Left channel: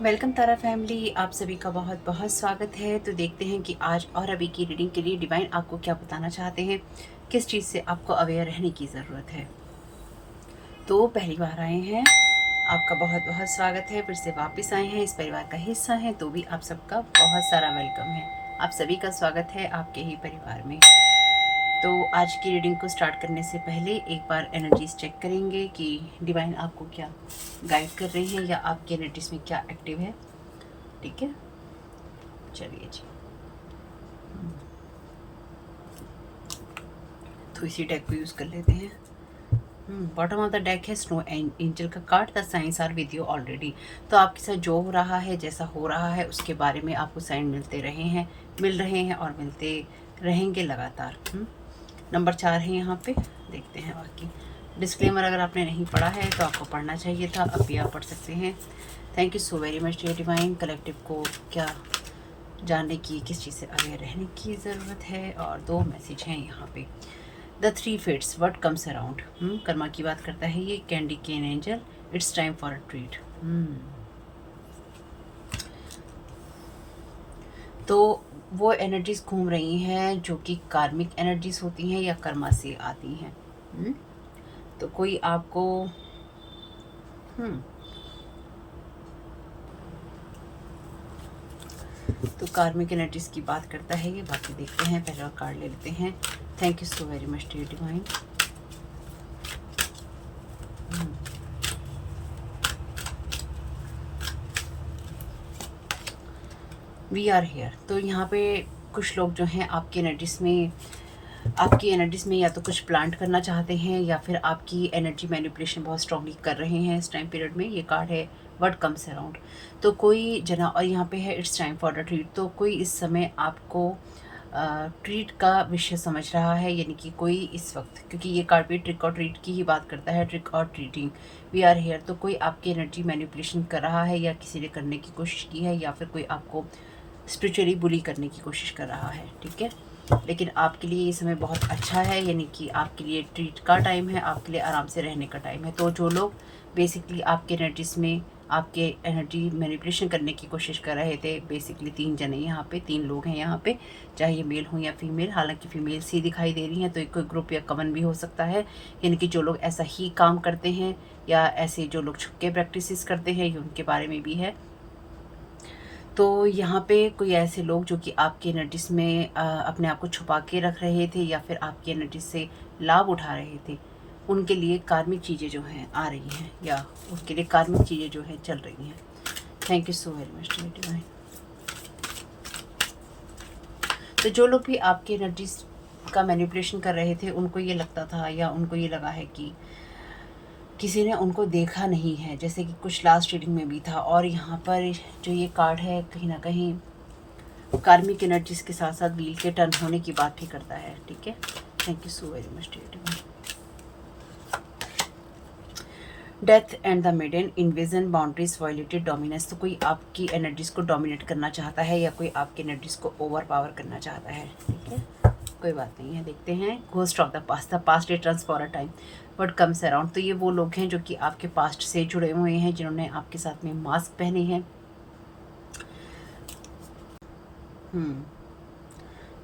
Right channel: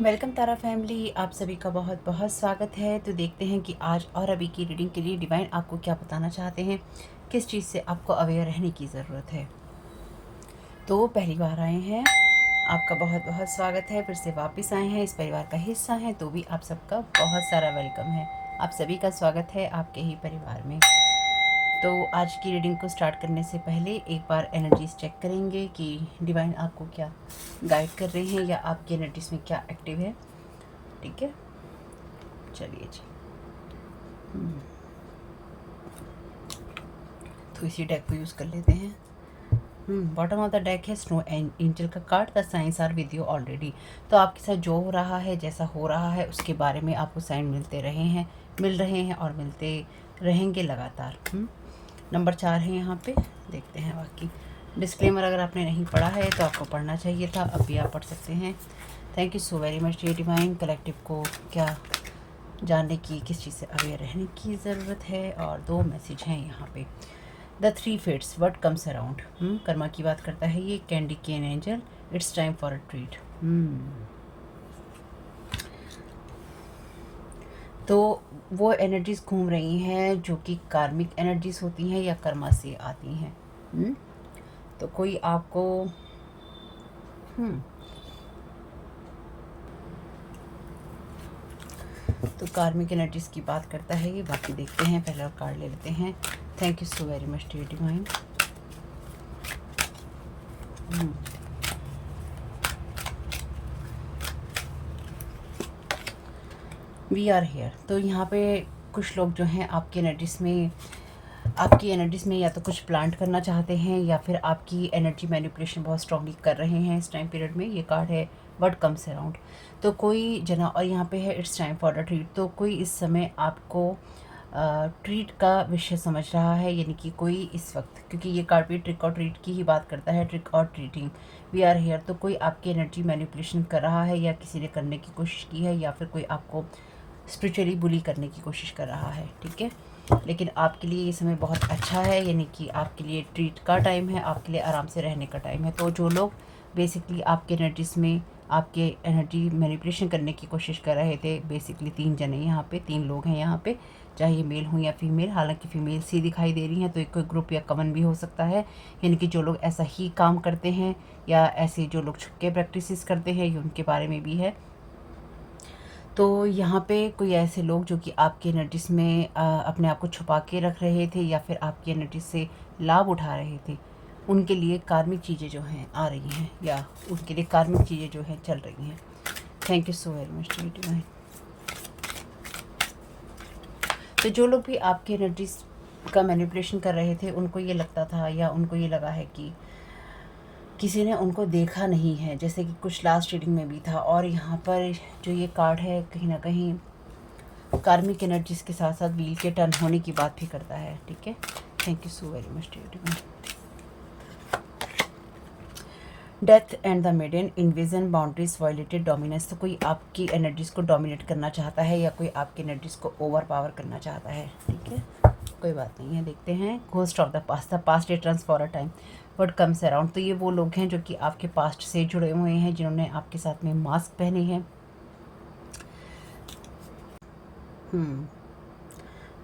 Welcome तारा family, आप सभी का बहुत बहुत स्वागत है। तो देखते हैं कि आज और अभी की रीडिंग के लिए डिवाइन आपको क्या बताना चाहते हैं, किस चीज़ से आपको अवेयर रहने की ज़रूरत है। तो पहली बार आए हैं, आपका बहुत बहुत स्वागत है। फिर से वापस आए हैं, इस परिवार का हिस्सा हैं, तो भी आप सबका बहुत सारा वेलकम है। आप सभी का स्वागत है आपके ही परिवार में। तो आज की रीडिंग को स्टार्ट करने से पहले एक बार एनर्जीज चेक करेंगे कि डिवाइन आपको क्या गाइड कर रहे हैं या आपकी एनर्जीज में क्या एक्टिव है। ठीक है, चलिए जी। तो इसी डेक को यूज़ कर लेते हैं। बॉटम ऑफ द डेक है स्नो एंजल का card. The science are with you already. तो आपके साथ जो हो रहा है, जैसा हो रहा है, उसके बारे में आपको साइन मिल रहे हैं और मिलते रहेंगे लगातार। नंबर 4 है यहाँ पे, देखते हैं बाकी। डिस्क्लेमर अगर आपने नहीं पढ़ा है तो आपको पढ़ना चाहिए था, अब भी आप पढ़ सकते हैं। Thank you so very much dear divine. Collective को क्या जानने की, किस चीज़ से अवेयर रहने की ज़रूरत है, और 2 मैसेज हैं यहाँ पे। The 3 fates, what comes around. कर्मा की बात करता है ये। Candy cane angel, it's time for a treat. तो वो एनर्जीज घूम रही हैं जो कि कार्मिक एनर्जीज होती हैं या कर्मा से आती हैं। तो कोई आपको तो कार्मिक एनर्जीज की बात करता है ये। बाकी देखते हैं, पहले और कार्ड ले लेते हैं। Thank you so very much dear divine. We are here. तो यहाँ पे कुछ लोग जो हैं आपकी एनर्जीज में या तो कुछ प्लांट करना चाहते हैं या फिर आपकी एनर्जी मैनिपुलेशन बहुत स्ट्रांगली कर रहे हैं इस टाइम पीरियड में। ये कार्ड है व्हाट कम्स अराउंड। तो कोई जना, और यहाँ पे है it's time for a treat. तो कोई इस समय आपको ट्रीट का विषय समझ रहा है, यानी कि कोई इस वक्त, क्योंकि ये कार्ड भी ट्रिक और ट्रीट की ही बात करता है, ट्रिक और ट्रीटिंग। We are here. तो कोई आपकी एनर्जी मैनिपुलेशन कर रहा है या किसी ने करने की कोशिश की है, या फिर कोई आपको स्पिरिचुअली बुली करने की कोशिश कर रहा है। ठीक है, लेकिन आपके लिए ये समय बहुत अच्छा है, यानी कि आपके लिए ट्रीट का टाइम है, आपके लिए आराम से रहने का टाइम है। तो जो लोग बेसिकली आपके एनर्जीज में आपके एनर्जी मैनिपुलेशन करने की कोशिश कर रहे थे, बेसिकली 3 जने यहाँ पे, 3 लोग हैं यहाँ पे, चाहे ये मेल हो या फीमेल। हालांकि फीमेल सी दिखाई दे रही हैं, तो एक कोई ग्रुप या कमन भी हो सकता है, यानी कि जो लोग ऐसा ही काम करते हैं या ऐसे जो लोग छुपके प्रैक्टिस करते हैं, ये उनके बारे में भी है। तो यहाँ पे कोई ऐसे लोग जो कि आपकी एनर्जीज में अपने आप को छुपा के रख रहे थे या फिर आपकी एनर्जी से लाभ उठा रहे थे, उनके लिए कार्मिक चीज़ें जो हैं आ रही हैं, या उनके लिए कार्मिक चीज़ें जो हैं चल रही हैं। Thank you so very much divine. तो जो लोग भी आपकी एनर्जीज का मैनिपुलेशन कर रहे थे, उनको ये लगता था या उनको ये लगा है कि किसी ने उनको देखा नहीं है, जैसे कि कुछ लास्ट रीडिंग में भी था। और यहाँ पर जो ये कार्ड है, कहीं ना कहीं कार्मिक एनर्जीज के साथ साथ व्हील के टर्न होने की बात भी करता है। ठीक है, thank you so very much dear. Death and the maiden, invasion, boundaries violated, dominance. तो कोई आपकी एनर्जीज को डोमिनेट करना चाहता है या कोई आपकी एनर्जीज को ओवर पावर करना चाहता है। ठीक है, कोई बात नहीं है, देखते हैं। Ghost of the past returns for a time, what comes around. तो ये वो लोग हैं जो कि आपके पास्ट से जुड़े हुए हैं, जिन्होंने आपके साथ में मास्क पहने हैं।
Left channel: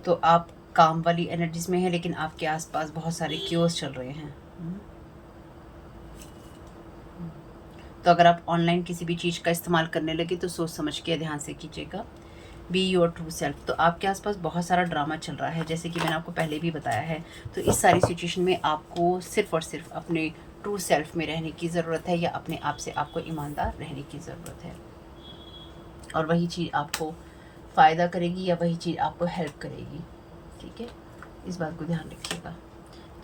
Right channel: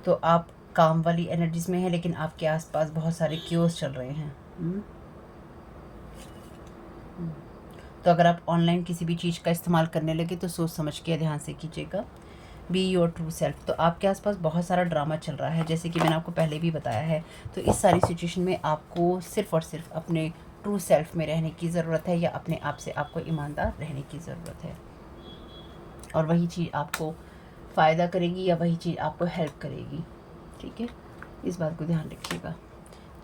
तो आप काम वाली एनर्जीज में हैं, लेकिन आपके आसपास बहुत सारे क्योर्स चल रहे हैं। तो अगर आप ऑनलाइन किसी भी चीज़ का इस्तेमाल करने लगे तो सोच समझ के ध्यान से कीजिएगा। B your true self. तो आपके आसपास बहुत सारा ड्रामा चल रहा है, जैसे कि मैंने आपको पहले भी बताया है। तो इस सारी सिचुएशन में आपको सिर्फ और सिर्फ अपने ट्रू सेल्फ में रहने की ज़रूरत है, या अपने आप से आपको ईमानदार रहने की ज़रूरत है, और वही चीज़ आपको फ़ायदा करेगी या वही चीज़ आपको हेल्प करेगी। ठीक है, इस बात को ध्यान रखिएगा।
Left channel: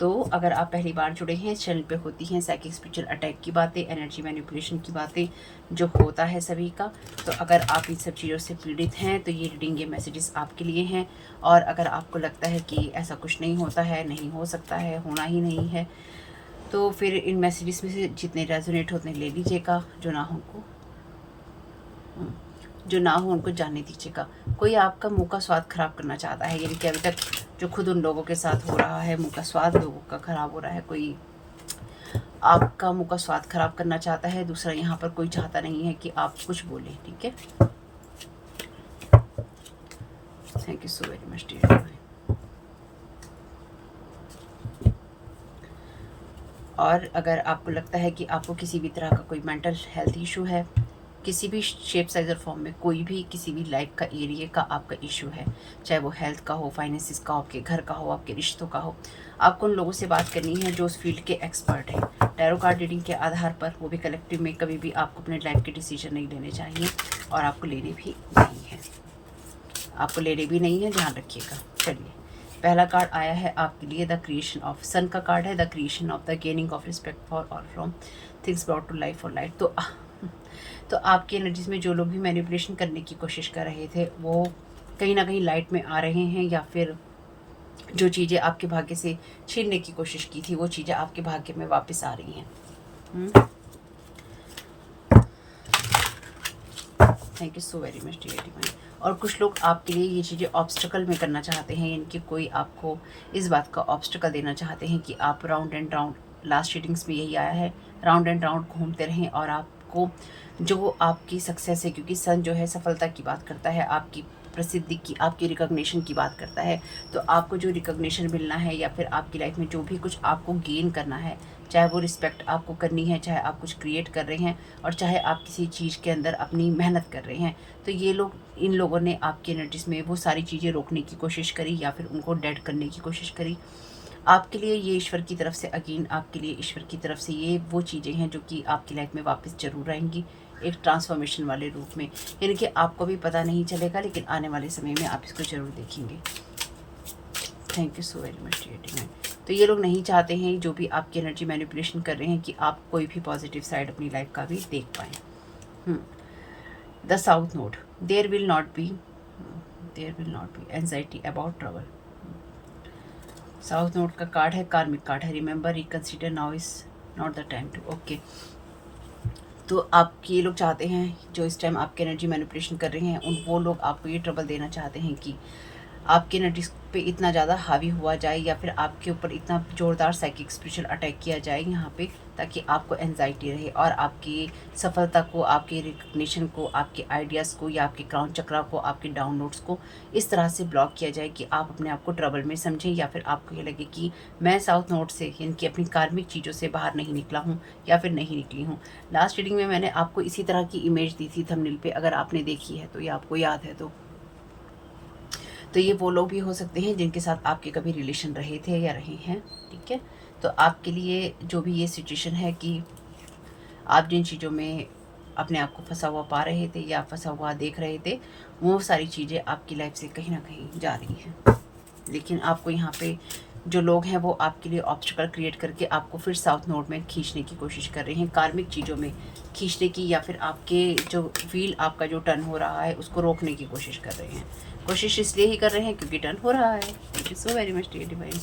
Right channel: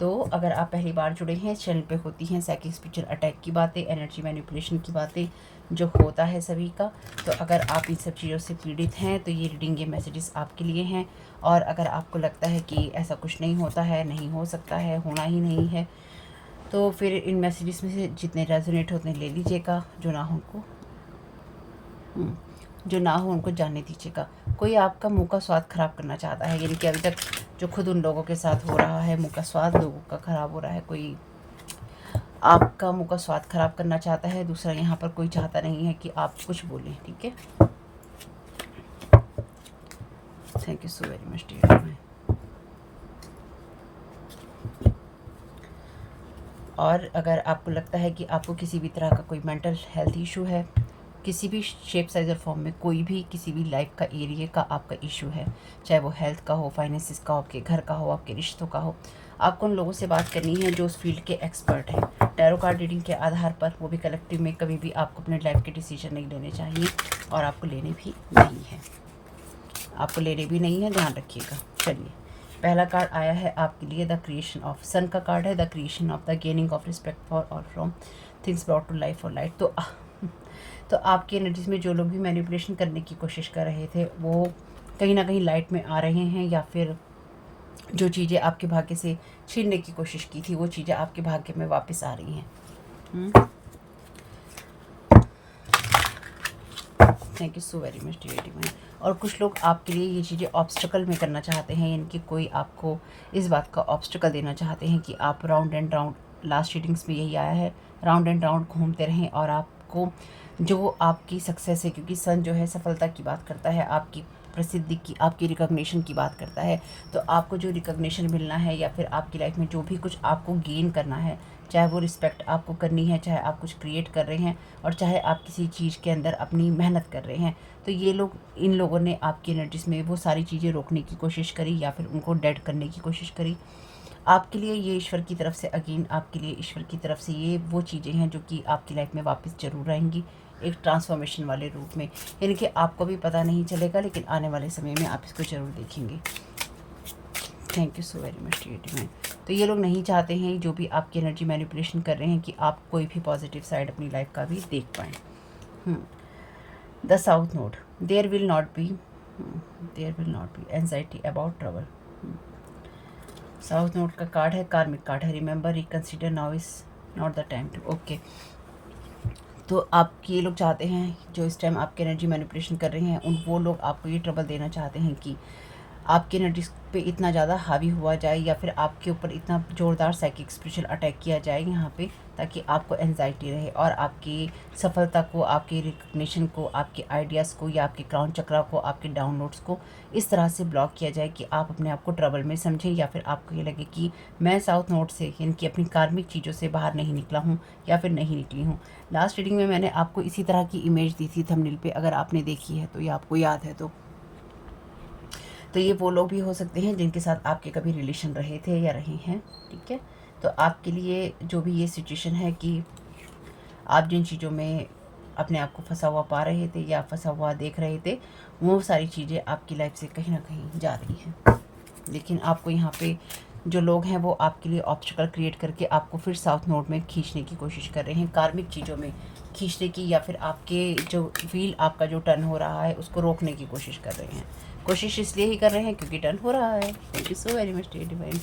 तो अगर आप पहली बार जुड़े हैं, इस चैनल पे होती हैं साइकिक स्पिरिचुअल अटैक की बातें, एनर्जी मैनिपुलेशन की बातें, जो होता है सभी का। तो अगर आप इन सब चीज़ों से पीड़ित हैं तो ये रीडिंग, ये मैसेजेस आपके लिए हैं। और अगर आपको लगता है कि ऐसा कुछ नहीं होता है, नहीं हो सकता है, होना ही नहीं है, तो फिर इन मैसेजेस में से जितने रेजोनेट होते हैं ले लीजिएगा, जो ना हो उनको जाने दीजिएगा। कोई आपका मुंह का स्वाद खराब करना चाहता है, यानी कि अभी तक जो खुद उन लोगों के साथ हो रहा है, मुंह का स्वाद लोगों का खराब हो रहा है। कोई आपका मुंह का स्वाद खराब करना चाहता है। दूसरा, यहाँ पर कोई चाहता नहीं है कि आप कुछ बोलें, ठीक है। Thank you so very much dear. और अगर आपको लगता है कि आपको किसी भी तरह का कोई मेंटल हेल्थ इशू है, किसी भी शेप साइज और फॉर्म में, कोई भी किसी भी लाइफ का एरिया का आपका इशू है, चाहे वो हेल्थ का हो, फाइनेंसिस का हो, आपके घर का हो, आपके रिश्तों का हो, आपको उन लोगों से बात करनी है जो उस फील्ड के एक्सपर्ट हैं। टैरो कार्ड रीडिंग के आधार पर, वो भी कलेक्टिव में, कभी भी आपको अपने लाइफ के डिसीजन नहीं लेने चाहिए और आपको लेने भी नहीं है, आपको लेने भी नहीं है, ध्यान रखिएगा। चलिए, पहला कार्ड आया है आपके लिए, द क्रिएशन ऑफ सन का कार्ड है, the creation of the gaining of respect for और from things brought to life और लाइट। तो आपकी एनर्जीज में जो लोग भी मैनिपुलेशन करने की कोशिश कर रहे थे, वो कहीं ना कहीं लाइट में आ रहे हैं, या फिर जो चीज़ें आपके भाग्य से छीनने की कोशिश की थी, वो चीज़ें आपके भाग्य में वापस आ रही हैं। Thank you so very much dear divine. और कुछ लोग आपके लिए ये चीज़ें ऑब्स्टिकल में करना चाहते हैं, यानी कि कोई आपको इस बात का ऑब्स्टिकल देना चाहते हैं कि आप round and round, last readings में यही आया है, राउंड एंड राउंड घूमते रहें और आपको जो आपकी सक्सेस है, क्योंकि सन जो है सफलता की बात करता है, आपकी प्रसिद्धि की, आपकी रिकॉग्निशन की बात करता है। तो आपको जो रिकॉग्निशन मिलना है, या फिर आपकी लाइफ में जो भी कुछ आपको गेन करना है, चाहे वो रिस्पेक्ट आपको करनी है, चाहे आप कुछ क्रिएट कर रहे हैं, और चाहे आप किसी चीज़ के अंदर अपनी मेहनत कर रहे हैं, तो ये लोग, इन लोगों ने आपकी एनर्जीज में वो सारी चीज़ें रोकने की कोशिश करी, या फिर उनको डेड करने की कोशिश करी। आपके लिए ये ईश्वर की तरफ से, अगेन आपके लिए ईश्वर की तरफ से ये वो चीज़ें हैं जो कि आपकी लाइफ में वापस ज़रूर आएंगी, एक ट्रांसफॉर्मेशन वाले रूप में, यानी कि आपको भी पता नहीं चलेगा, लेकिन आने वाले समय में आप इसको ज़रूर देखेंगे। Thank you so very much dear divine. तो ये लोग नहीं चाहते हैं, जो भी आपकी एनर्जी मैनिपुलेशन कर रहे हैं, कि आप कोई भी पॉजिटिव साइड अपनी लाइफ का भी देख पाएँ। The south node, there will not be anxiety about trouble. South node का कार्ड है, कार्मिक कार्ड है, remember reconsider, now is not the time to. Okay, तो आप ये लोग चाहते हैं, जो इस टाइम आपकी एनर्जी मैनिपुलेशन कर रहे हैं, वो लोग आपको ये ट्रबल देना चाहते हैं कि आपकी एनर्जी पे इतना ज़्यादा हावी हुआ जाए, या फिर आपके ऊपर इतना ज़ोरदार साइकिक स्पिरिचुअल अटैक किया जाए यहाँ पे, ताकि आपको एंजाइटी रहे, और आपकी सफलता को, आपके रिकग्निशन को, आपके आइडियाज़ को, या आपके क्राउन चक्रा को, आपके डाउनलोड्स को इस तरह से ब्लॉक किया जाए कि आप अपने आप को ट्रबल में समझें, या फिर आपको ये लगे कि मैं साउथ नोड से, यानी कि अपनी कार्मिक चीज़ों से बाहर नहीं निकला हूँ, या फिर नहीं निकली हूँ। लास्ट रीडिंग में मैंने आपको इसी तरह की इमेज दी थी थंबनेल पे, अगर आपने देखी है तो, या आपको याद है तो ये वो लोग भी हो सकते हैं जिनके साथ आपके कभी रिलेशन रहे थे या रहे हैं, ठीक है। तो आपके लिए जो भी ये सिचुएशन है कि आप जिन चीज़ों में अपने आप को फंसा हुआ पा रहे थे या फंसा हुआ देख रहे थे, वो सारी चीज़ें आपकी लाइफ से कहीं ना कहीं जा रही हैं। लेकिन आपको यहाँ पे जो लोग हैं वो आपके लिए ऑब्स्टिकल क्रिएट करके आपको फिर साउथ नोड में खींचने की कोशिश कर रहे हैं, कार्मिक चीज़ों में खींचने की, या फिर आपके जो व्हील आपका जो टर्न हो रहा है उसको रोकने की कोशिश कर रहे हैं। कोशिश इसलिए ही कर रहे हैं क्योंकि टर्न हो रहा है। Thank you so very much dear divine.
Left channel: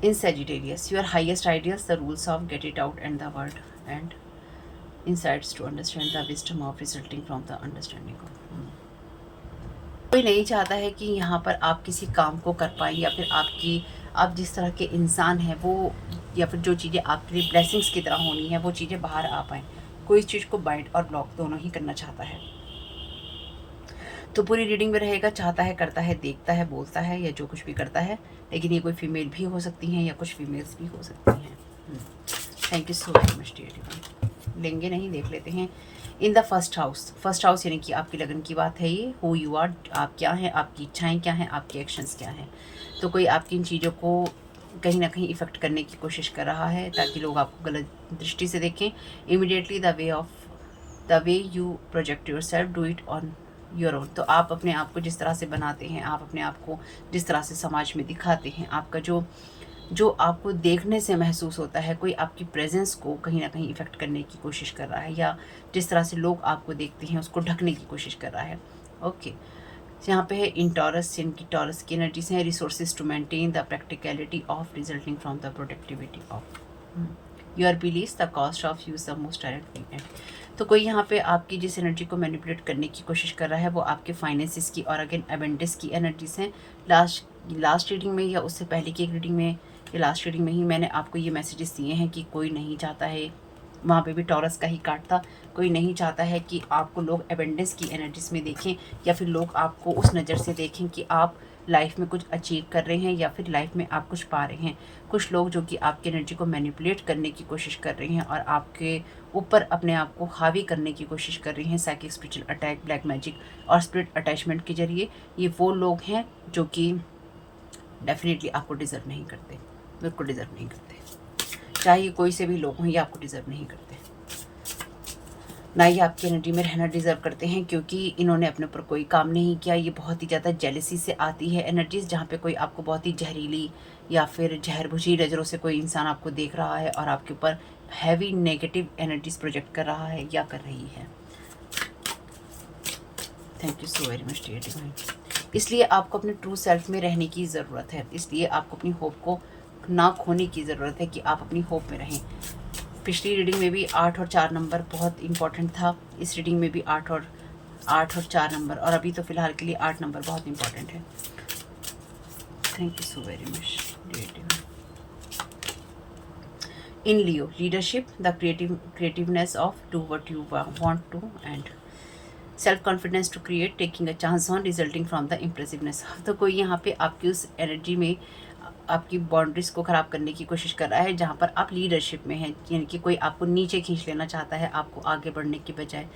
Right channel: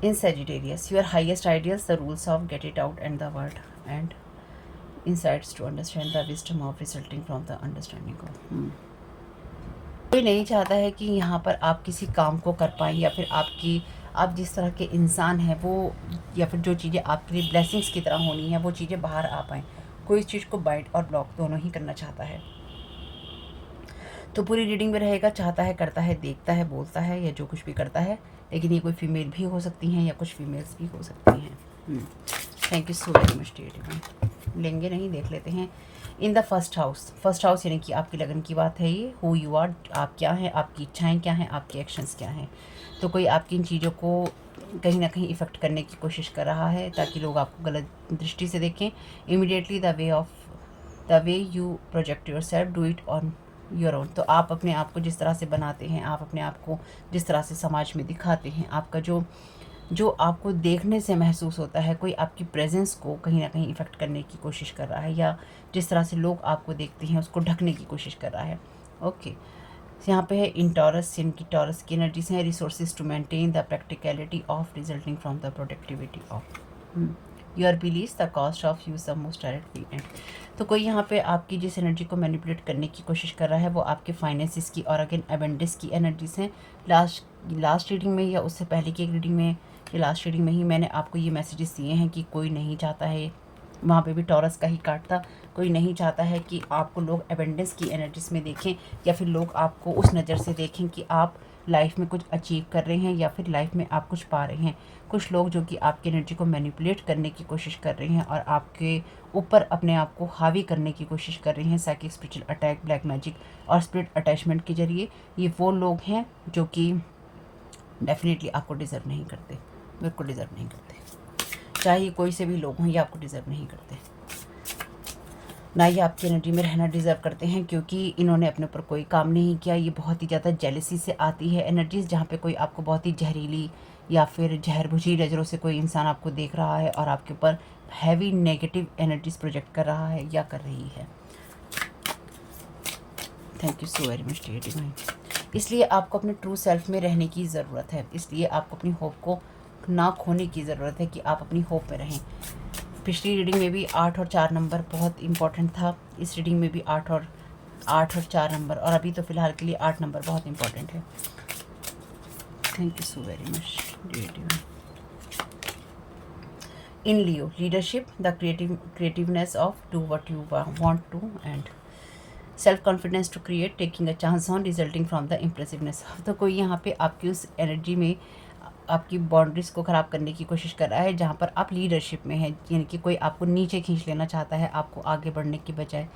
In Sagittarius, your highest ideals, the rules of get it out and the word and insights to understand the wisdom of resulting from the understanding of। कोई नहीं चाहता है कि यहाँ पर आप किसी काम को कर पाएँ, या फिर आप जिस तरह के इंसान हैं वो, या फिर जो चीज़ें आपके लिए ब्लेसिंग्स की तरह होनी है वो चीज़ें बाहर आ पाएँ। कोई इस चीज़ को बाइट और ब्लॉक दोनों ही करना चाहता है। तो पूरी रीडिंग में रहेगा, चाहता है, करता है, देखता है, बोलता है, या जो कुछ भी करता है। लेकिन ये कोई फीमेल भी हो सकती हैं या कुछ फीमेल्स भी हो सकती हैं। Thank you so very much dear divine. लेंगे नहीं, देख लेते हैं। इन द फर्स्ट हाउस यानी कि आपकी लगन की बात है ये। हु यू आर, आप क्या हैं, आपकी इच्छाएं क्या हैं, आपके एक्शंस क्या हैं। तो कोई आपकी इन चीज़ों को कहीं ना कहीं इफ़ेक्ट करने की कोशिश कर रहा है ताकि लोग आपको गलत दृष्टि से देखें। Immediately the way you project your self, do it on your own. तो आप अपने आप को जिस तरह से बनाते हैं, आप अपने आप को जिस तरह से समाज में दिखाते हैं, आपका जो आपको देखने से महसूस होता है, कोई आपकी प्रेजेंस को कहीं ना कहीं इफ़ेक्ट करने की कोशिश कर रहा है, या जिस तरह से लोग आपको देखते हैं उसको ढकने की कोशिश कर रहा है। ओके, यहाँ पे है इन टॉरस, इनकी टॉरस की एनर्जीज हैं। Resources to maintain the practicality of resulting from the productivity of. Your believes the cost of use the most direct way. तो कोई यहाँ पे आपकी जिस एनर्जी को मैनिपुलेट करने की कोशिश कर रहा है वो आपके फाइनेंसिस की और अगेन अबेंडेंस की एनर्जीज हैं। लास्ट रीडिंग में या उससे पहले की एक रीडिंग में या लास्ट रीडिंग में ही मैंने आपको ये मैसेजेस दिए हैं कि कोई नहीं चाहता है, वहाँ पे भी टॉरस का ही कार्ड था, कोई नहीं चाहता है कि आपको लोग एबेंडेंस की एनर्जीज में देखें या फिर लोग आपको उस नज़र से देखें कि आप लाइफ में कुछ अचीव कर रहे हैं या फिर लाइफ में आप कुछ पा रहे हैं। कुछ लोग जो कि आपकी एनर्जी को मैनिपुलेट करने की कोशिश कर रहे हैं और आपके ऊपर अपने आप को हावी करने की कोशिश कर रहे हैं psychic, spiritual attack, black magic और स्पिरिट अटैचमेंट के जरिए। ये वो लोग हैं जो कि डेफिनेटली आपको डिज़र्व नहीं करते, बिल्कुल डिज़र्व नहीं करते। चाहे कोई से भी लोग हों, ये आपको डिज़र्व नहीं करते, ना ये आपकी एनर्जी में रहना डिज़र्व करते हैं, क्योंकि इन्होंने अपने ऊपर कोई काम नहीं किया। ये बहुत ही ज़्यादा जेलसी से आती है एनर्जीज़, जहाँ पे कोई आपको बहुत ही जहरीली या फिर जहर भुजी नज़रों से कोई इंसान आपको देख रहा है और आपके ऊपर हैवी नेगेटिव एनर्जीज प्रोजेक्ट कर रहा है या कर रही है। Thank you so very much dear divine. इसलिए आपको अपने ट्रू सेल्फ में रहने की ज़रूरत है, इसलिए आपको अपनी होप को ना खोने की ज़रूरत है कि आप अपनी होप में रहें। पिछली रीडिंग में भी 8 और 4 नंबर बहुत इंपॉर्टेंट था, इस रीडिंग में भी 8 और 4 नंबर, और अभी तो फ़िलहाल के लिए 8 नंबर बहुत इंपॉर्टेंट है। Thank you so very much dear divine. In Leo, leadership, the creativeness of do what you want to, and self confidence to create, taking a chance on, resulting from the impressiveness. तो कोई यहाँ पे आपकी उस energy में आपकी boundaries को ख़राब करने की कोशिश कर रहा है जहाँ पर आप लीडरशिप में हैं, यानी कि कोई आपको नीचे खींच लेना चाहता है, आपको आगे बढ़ने की बजाय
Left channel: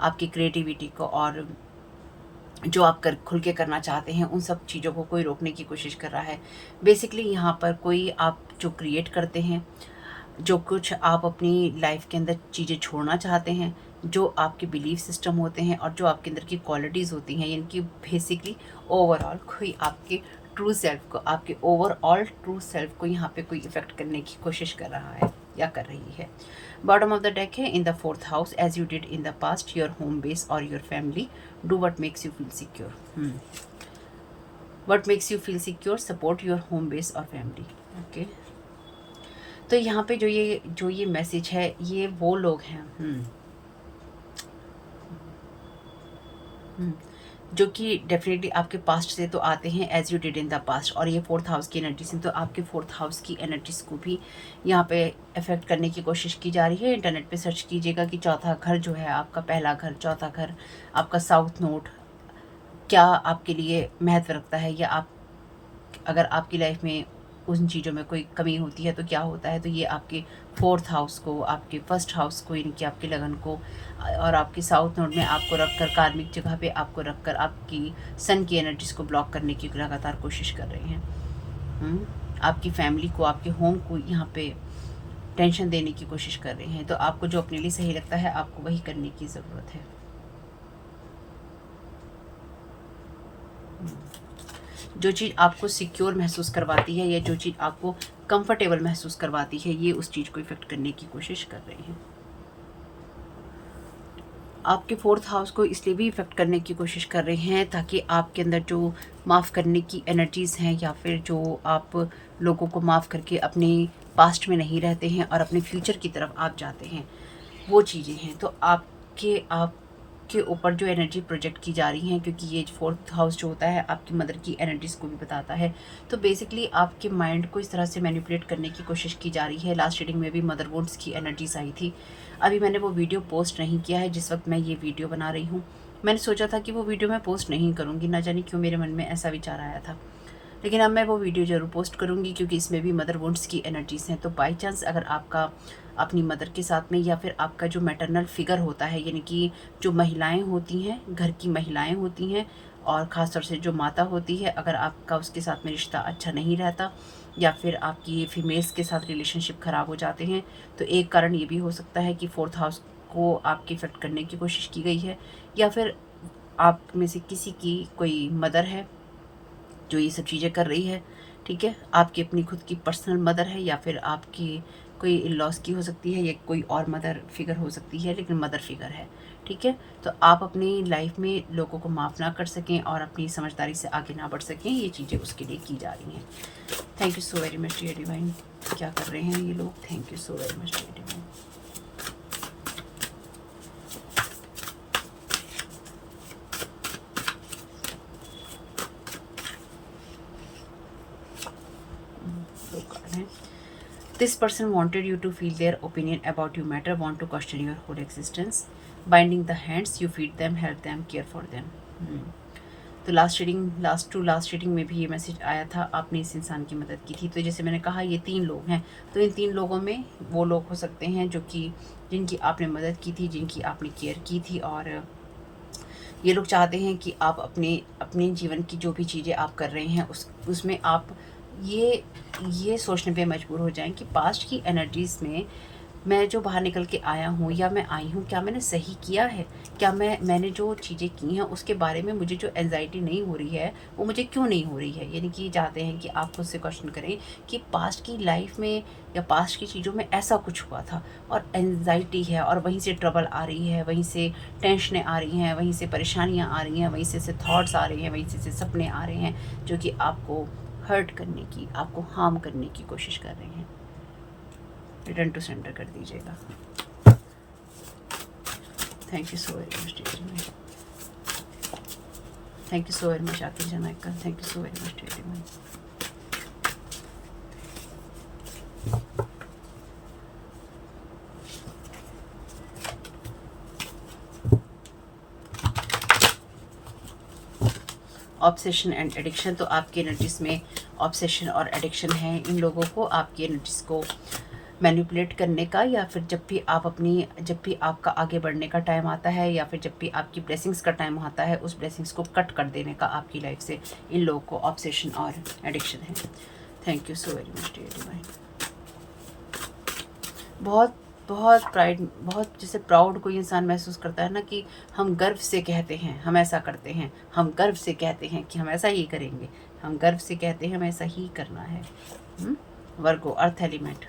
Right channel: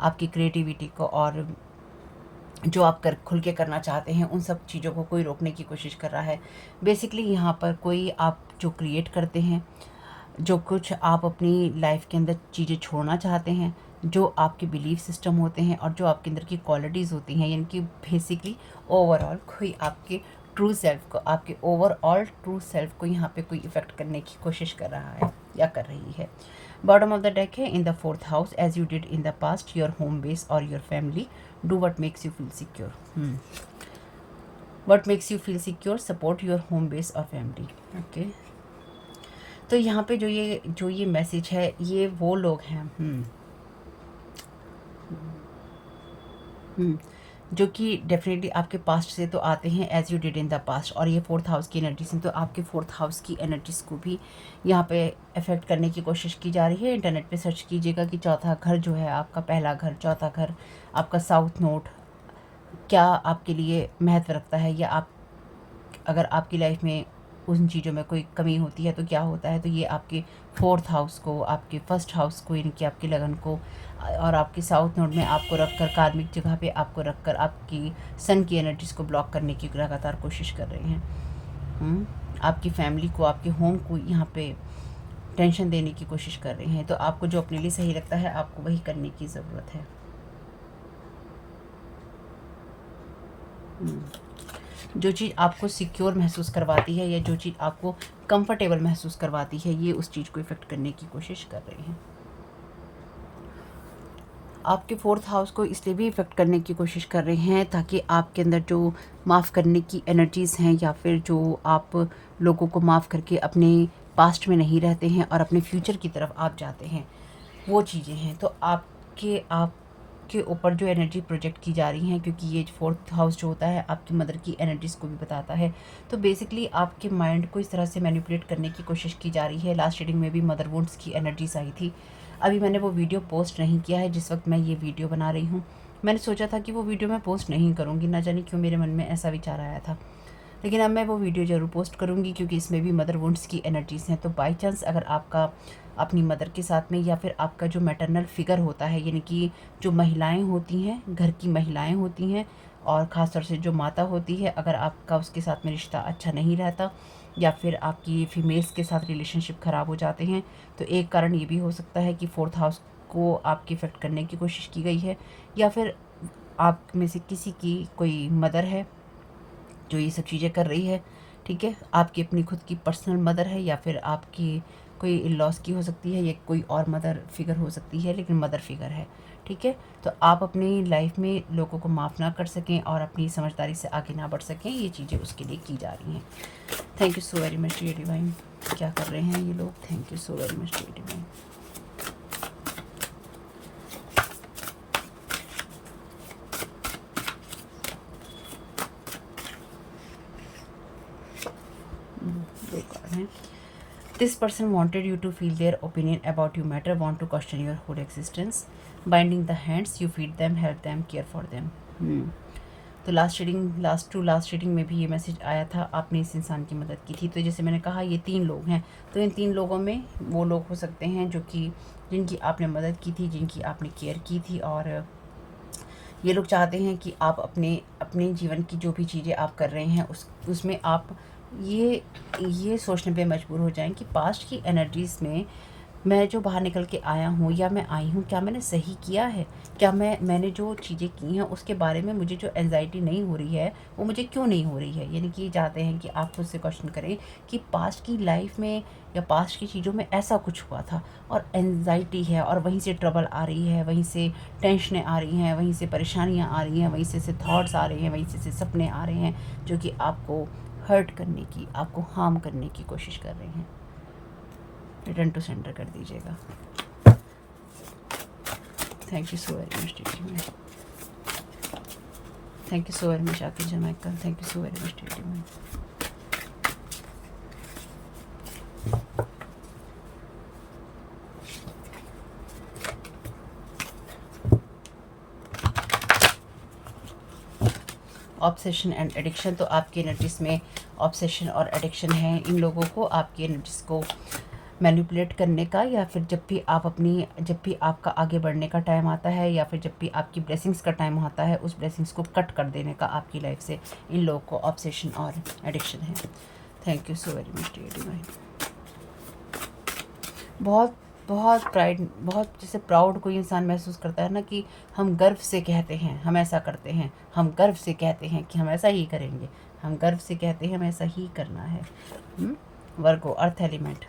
आपकी क्रिएटिविटी को और जो आप खुल के करना चाहते हैं उन सब चीज़ों को कोई रोकने की कोशिश कर रहा है। बेसिकली यहाँ पर कोई आप जो क्रिएट करते हैं, जो कुछ आप अपनी लाइफ के अंदर चीज़ें छोड़ना चाहते हैं, जो आपके बिलीफ सिस्टम होते हैं और जो आपके अंदर की क्वालिटीज़ होती हैं, यानी कि बेसिकली ओवरऑल कोई आपके ट्रू सेल्फ को, आपके ओवरऑल ट्रू सेल्फ को यहाँ पे कोई इफेक्ट करने की कोशिश कर रहा है या कर रही है। बॉटम ऑफ द डेक है, in the 4th house, as you did in the past, your home base और your family, do what makes you feel secure. What makes you feel secure, support your home base और family. Okay, तो यहाँ पे जो ये message है, ये वो लोग हैं जो कि डेफिनेटली आपके पास्ट से तो आते हैं, as you did in the past, और ये 4th हाउस की एनर्जी से तो आपके 4th हाउस की एनर्जीज को भी यहाँ पे अफेक्ट करने की कोशिश की जा रही है। इंटरनेट पे सर्च कीजिएगा कि चौथा घर जो है आपका, पहला घर, चौथा घर, आपका साउथ नोड क्या आपके लिए महत्व रखता है, या आप अगर आपकी लाइफ में उन चीज़ों में कोई कमी होती है तो क्या होता है। तो ये आपके 4th हाउस को, आपके 1st हाउस को, यानी कि आपके लगन को और आपके साउथ नोड में आपको रखकर, कार्मिक जगह पे आपको रखकर आपकी सन की एनर्जीज को ब्लॉक करने की लगातार कोशिश कर रहे हैं। आपकी फैमिली को, आपके होम को यहाँ पे टेंशन देने की कोशिश कर रहे हैं। तो आपको जो अपने लिए सही लगता है आपको वही करने की ज़रूरत है। जो चीज़ आपको सिक्योर महसूस करवाती है या जो चीज़ आपको कंफर्टेबल महसूस करवाती है, ये उस चीज़ को इफेक्ट करने की कोशिश कर रहे हैं। आपके 4th हाउस को इसलिए भी इफेक्ट करने की कोशिश कर रहे हैं ताकि आपके अंदर जो माफ़ करने की एनर्जीज़ हैं या फिर जो आप लोगों को माफ़ करके अपने पास्ट में नहीं रहते हैं और अपने फ्यूचर की तरफ आप जाते हैं, वो चीज़ें हैं। तो आपके ऊपर जो एनर्जी प्रोजेक्ट की जा रही हैं, क्योंकि ये 4th हाउस जो होता है आपकी मदर की एनर्जीज़ को भी बताता है, तो बेसिकली आपके माइंड को इस तरह से मैनिपुलेट करने की कोशिश की जा रही है। लास्ट रीडिंग में भी मदर वुंड्स की एनर्जीज आई थी। अभी मैंने वो वीडियो पोस्ट नहीं किया है जिस वक्त मैं ये वीडियो बना रही हूँ। मैंने सोचा था कि वो वीडियो मैं पोस्ट नहीं करूँगी, ना जाने क्यों मेरे मन में ऐसा विचार आया था, लेकिन अब मैं वो वीडियो ज़रूर पोस्ट करूँगी क्योंकि इसमें भी मदर वुंड्स की एनर्जीज़ हैं। तो बाई चांस अगर आपका अपनी मदर के साथ में या फिर आपका जो मैटरनल फिगर होता है, यानी कि जो महिलाएं होती हैं, घर की महिलाएं होती हैं और ख़ासतौर से जो माता होती है, अगर आपका उसके साथ में रिश्ता अच्छा नहीं रहता या फिर आपकी फीमेल्स के साथ रिलेशनशिप ख़राब हो जाते हैं, तो एक कारण ये भी हो सकता है कि 4th हाउस को आपके इफेक्ट करने की कोशिश की गई है, या फिर आप में से किसी की कोई मदर है जो ये सब चीज़ें कर रही है। ठीक है, आपकी अपनी खुद की पर्सनल मदर है या फिर आपकी कोई इन-लॉज की हो सकती है या कोई और मदर फिगर हो सकती है, लेकिन मदर फिगर है। ठीक है, तो आप अपनी लाइफ में लोगों को माफ़ ना कर सकें और अपनी समझदारी से आगे ना बढ़ सकें, ये चीज़ें उसके लिए की जा रही हैं। Thank you so very much dear divine. क्या कर रहे हैं ये लोग। Thank you so very much divine. ये कार्ड है। This person wanted you to feel their opinion about you matter, want to question your whole existence. Binding the hands, you feed them, help them, care for them. तो last reading में भी ये message आया था, आपने इस इंसान की मदद की थी। तो जैसे मैंने कहा ये 3 लोग हैं, तो इन 3 लोगों में वो लोग हो सकते हैं जो कि जिनकी आपने मदद की थी, जिनकी आपने केयर की थी, और ये लोग चाहते हैं कि आप अपने जीवन की जो भी चीज़ें आप कर रहे हैं उसमें आप ये सोचने पे मजबूर हो जाएं कि पास्ट की एनर्जीज़ में मैं जो बाहर निकल के आया हूँ या मैं आई हूँ, क्या मैंने सही किया है, क्या मैंने जो चीज़ें की हैं उसके बारे में मुझे जो एंजाइटी नहीं हो रही है वो मुझे क्यों नहीं हो रही है। यानी कि चाहते हैं कि आप खुद से क्वेश्चन करें कि पास्ट की लाइफ में या पास्ट की चीज़ों में ऐसा कुछ हुआ था और एंजाइटी है, और वहीं से ट्रबल आ रही है, वहीं से टेंशनें आ रही हैं, वहीं से परेशानियाँ आ रही हैं, वहीं से थॉट्स आ रहे हैं, वहीं से सपने आ रहे हैं जो कि आपको हर्ट करने की, आपको हार्म करने की कोशिश कर रहे हैं। रिटर्न टू सेंटर कर दीजिएगा। Thank you so very much teaching में। Thank you so very much आकिर जनाइकल। Thank you so very much teaching में। ऑब्सेशन एंड एडिक्शन, तो आपकी एनर्जीज में ऑब्सेशन और एडिक्शन है। इन लोगों को आपकी एनर्जीज को मैनिपुलेट करने का, या फिर जब भी आपका आगे बढ़ने का टाइम आता है, या फिर जब भी आपकी ब्लेसिंग्स का टाइम आता है, उस ब्लेसिंग्स को कट कर देने का आपकी लाइफ से इन लोगों को ऑब्सेशन और एडिक्शन है। Thank you so very much dear divine. बहुत प्राइड, बहुत जैसे प्राउड कोई इंसान महसूस करता है ना कि हम गर्व से कहते हैं हम ऐसा करते हैं, हम गर्व से कहते हैं कि हम ऐसा ही करेंगे, हम गर्व से कहते हैं हमें ऐसा ही करना है। वर्गो अर्थ एलिमेंट।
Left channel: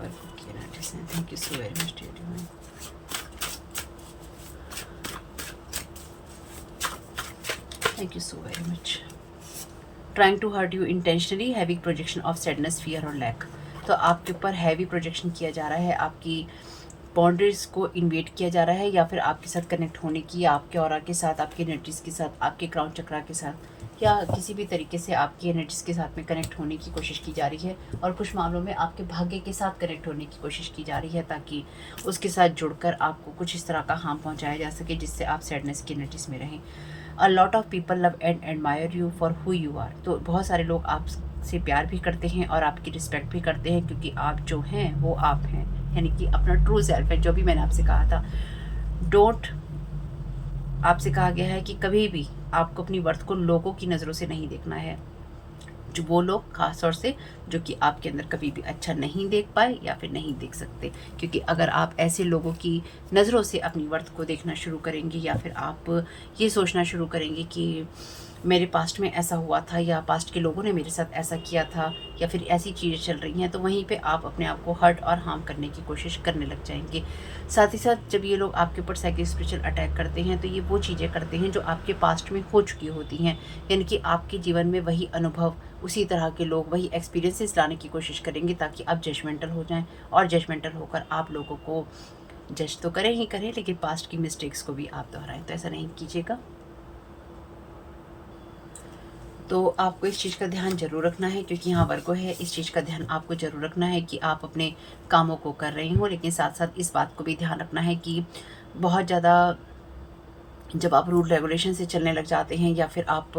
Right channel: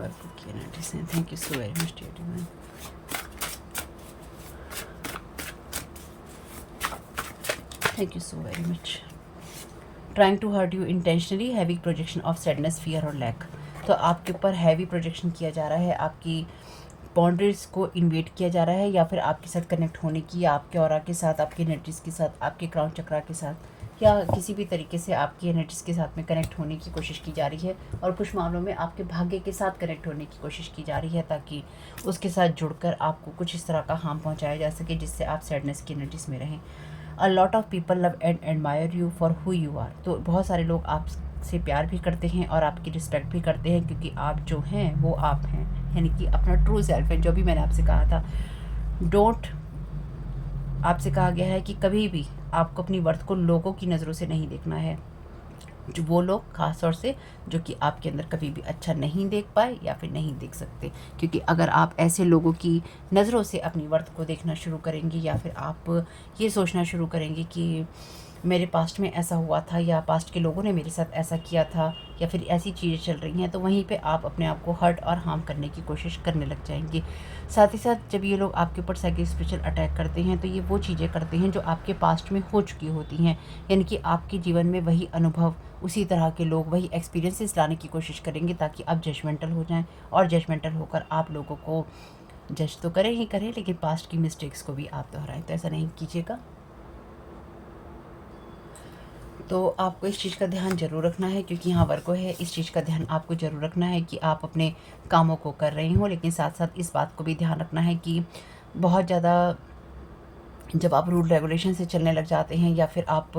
वर्गो की एनर्जी से thank you so very much dear divine. Thank you so very much. Trying to hurt you intentionally, heavy projection of sadness, fear और lack। तो आपके ऊपर हैवी प्रोजेक्शन किया जा रहा है, आपकी बाउंड्रीज को इन्वेट किया जा रहा है, या फिर आपके साथ कनेक्ट होने की, या आपके ऑरा के साथ, आपकी एनर्जीज के साथ, आपके क्राउन चक्रा के साथ, या किसी भी तरीके से आपकी एनर्जीज के साथ में कनेक्ट होने की कोशिश की जा रही है। और कुछ मामलों में आपके भाग्य के साथ कनेक्ट होने की कोशिश की जा रही है, ताकि उसके साथ जुड़कर आपको कुछ इस तरह का हार्म पहुँचाया जा सके जिससे आप सैडनेस की एनर्जीज में रहें। A lot of people love and admire you for who you are. तो बहुत सारे लोग आपसे प्यार भी करते हैं और आपकी रिस्पेक्ट भी करते हैं, क्योंकि आप जो हैं वो आप हैं, यानी कि अपना ट्रू सेल्फ है। जो भी मैंने आपसे कहा था, आपसे कहा गया है कि कभी भी आपको अपनी वर्थ को लोगों की नज़रों से नहीं देखना है। जो वो लोग खास तौर से जो कि आपके अंदर कभी भी अच्छा नहीं देख पाए या फिर नहीं देख सकते, क्योंकि अगर आप ऐसे लोगों की नज़रों से अपनी वर्थ को देखना शुरू करेंगे, या फिर आप ये सोचना शुरू करेंगे कि मेरे पास्ट में ऐसा हुआ था, या पास्ट के लोगों ने मेरे साथ ऐसा किया था, या फिर ऐसी चीज़ें चल रही हैं, तो वहीं पे आप अपने आप को हर्ट और हार्म करने की कोशिश करने लग जाएंगे। साथ ही साथ जब ये लोग आपके ऊपर साइकिक स्पिरिचुअल अटैक करते हैं, तो ये वो चीज़ें करते हैं जो आपके पास्ट में हो चुकी होती हैं, यानी कि आपके जीवन में वही अनुभव, उसी तरह के लोग, वही एक्सपीरियंसेस लाने की कोशिश करेंगे, ताकि आप जजमेंटल हो जाएं, और जजमेंटल होकर आप लोगों को जज तो करें ही करें, लेकिन पास्ट की मिस्टेक्स को भी आप दोहराएं। तो ऐसा नहीं कीजिएगा। तो आपको इस चीज़ का ध्यान ज़रूर रखना है, क्योंकि यहाँ वर्गो है, इस चीज़ का ध्यान आपको ज़रूर रखना है कि आप अपने कामों को कर रहे हो, लेकिन साथ साथ इस बात को भी ध्यान रखना है कि बहुत ज़्यादा जब आप रूल रेगुलेशन से चलने लग जाते हैं, या फिर आप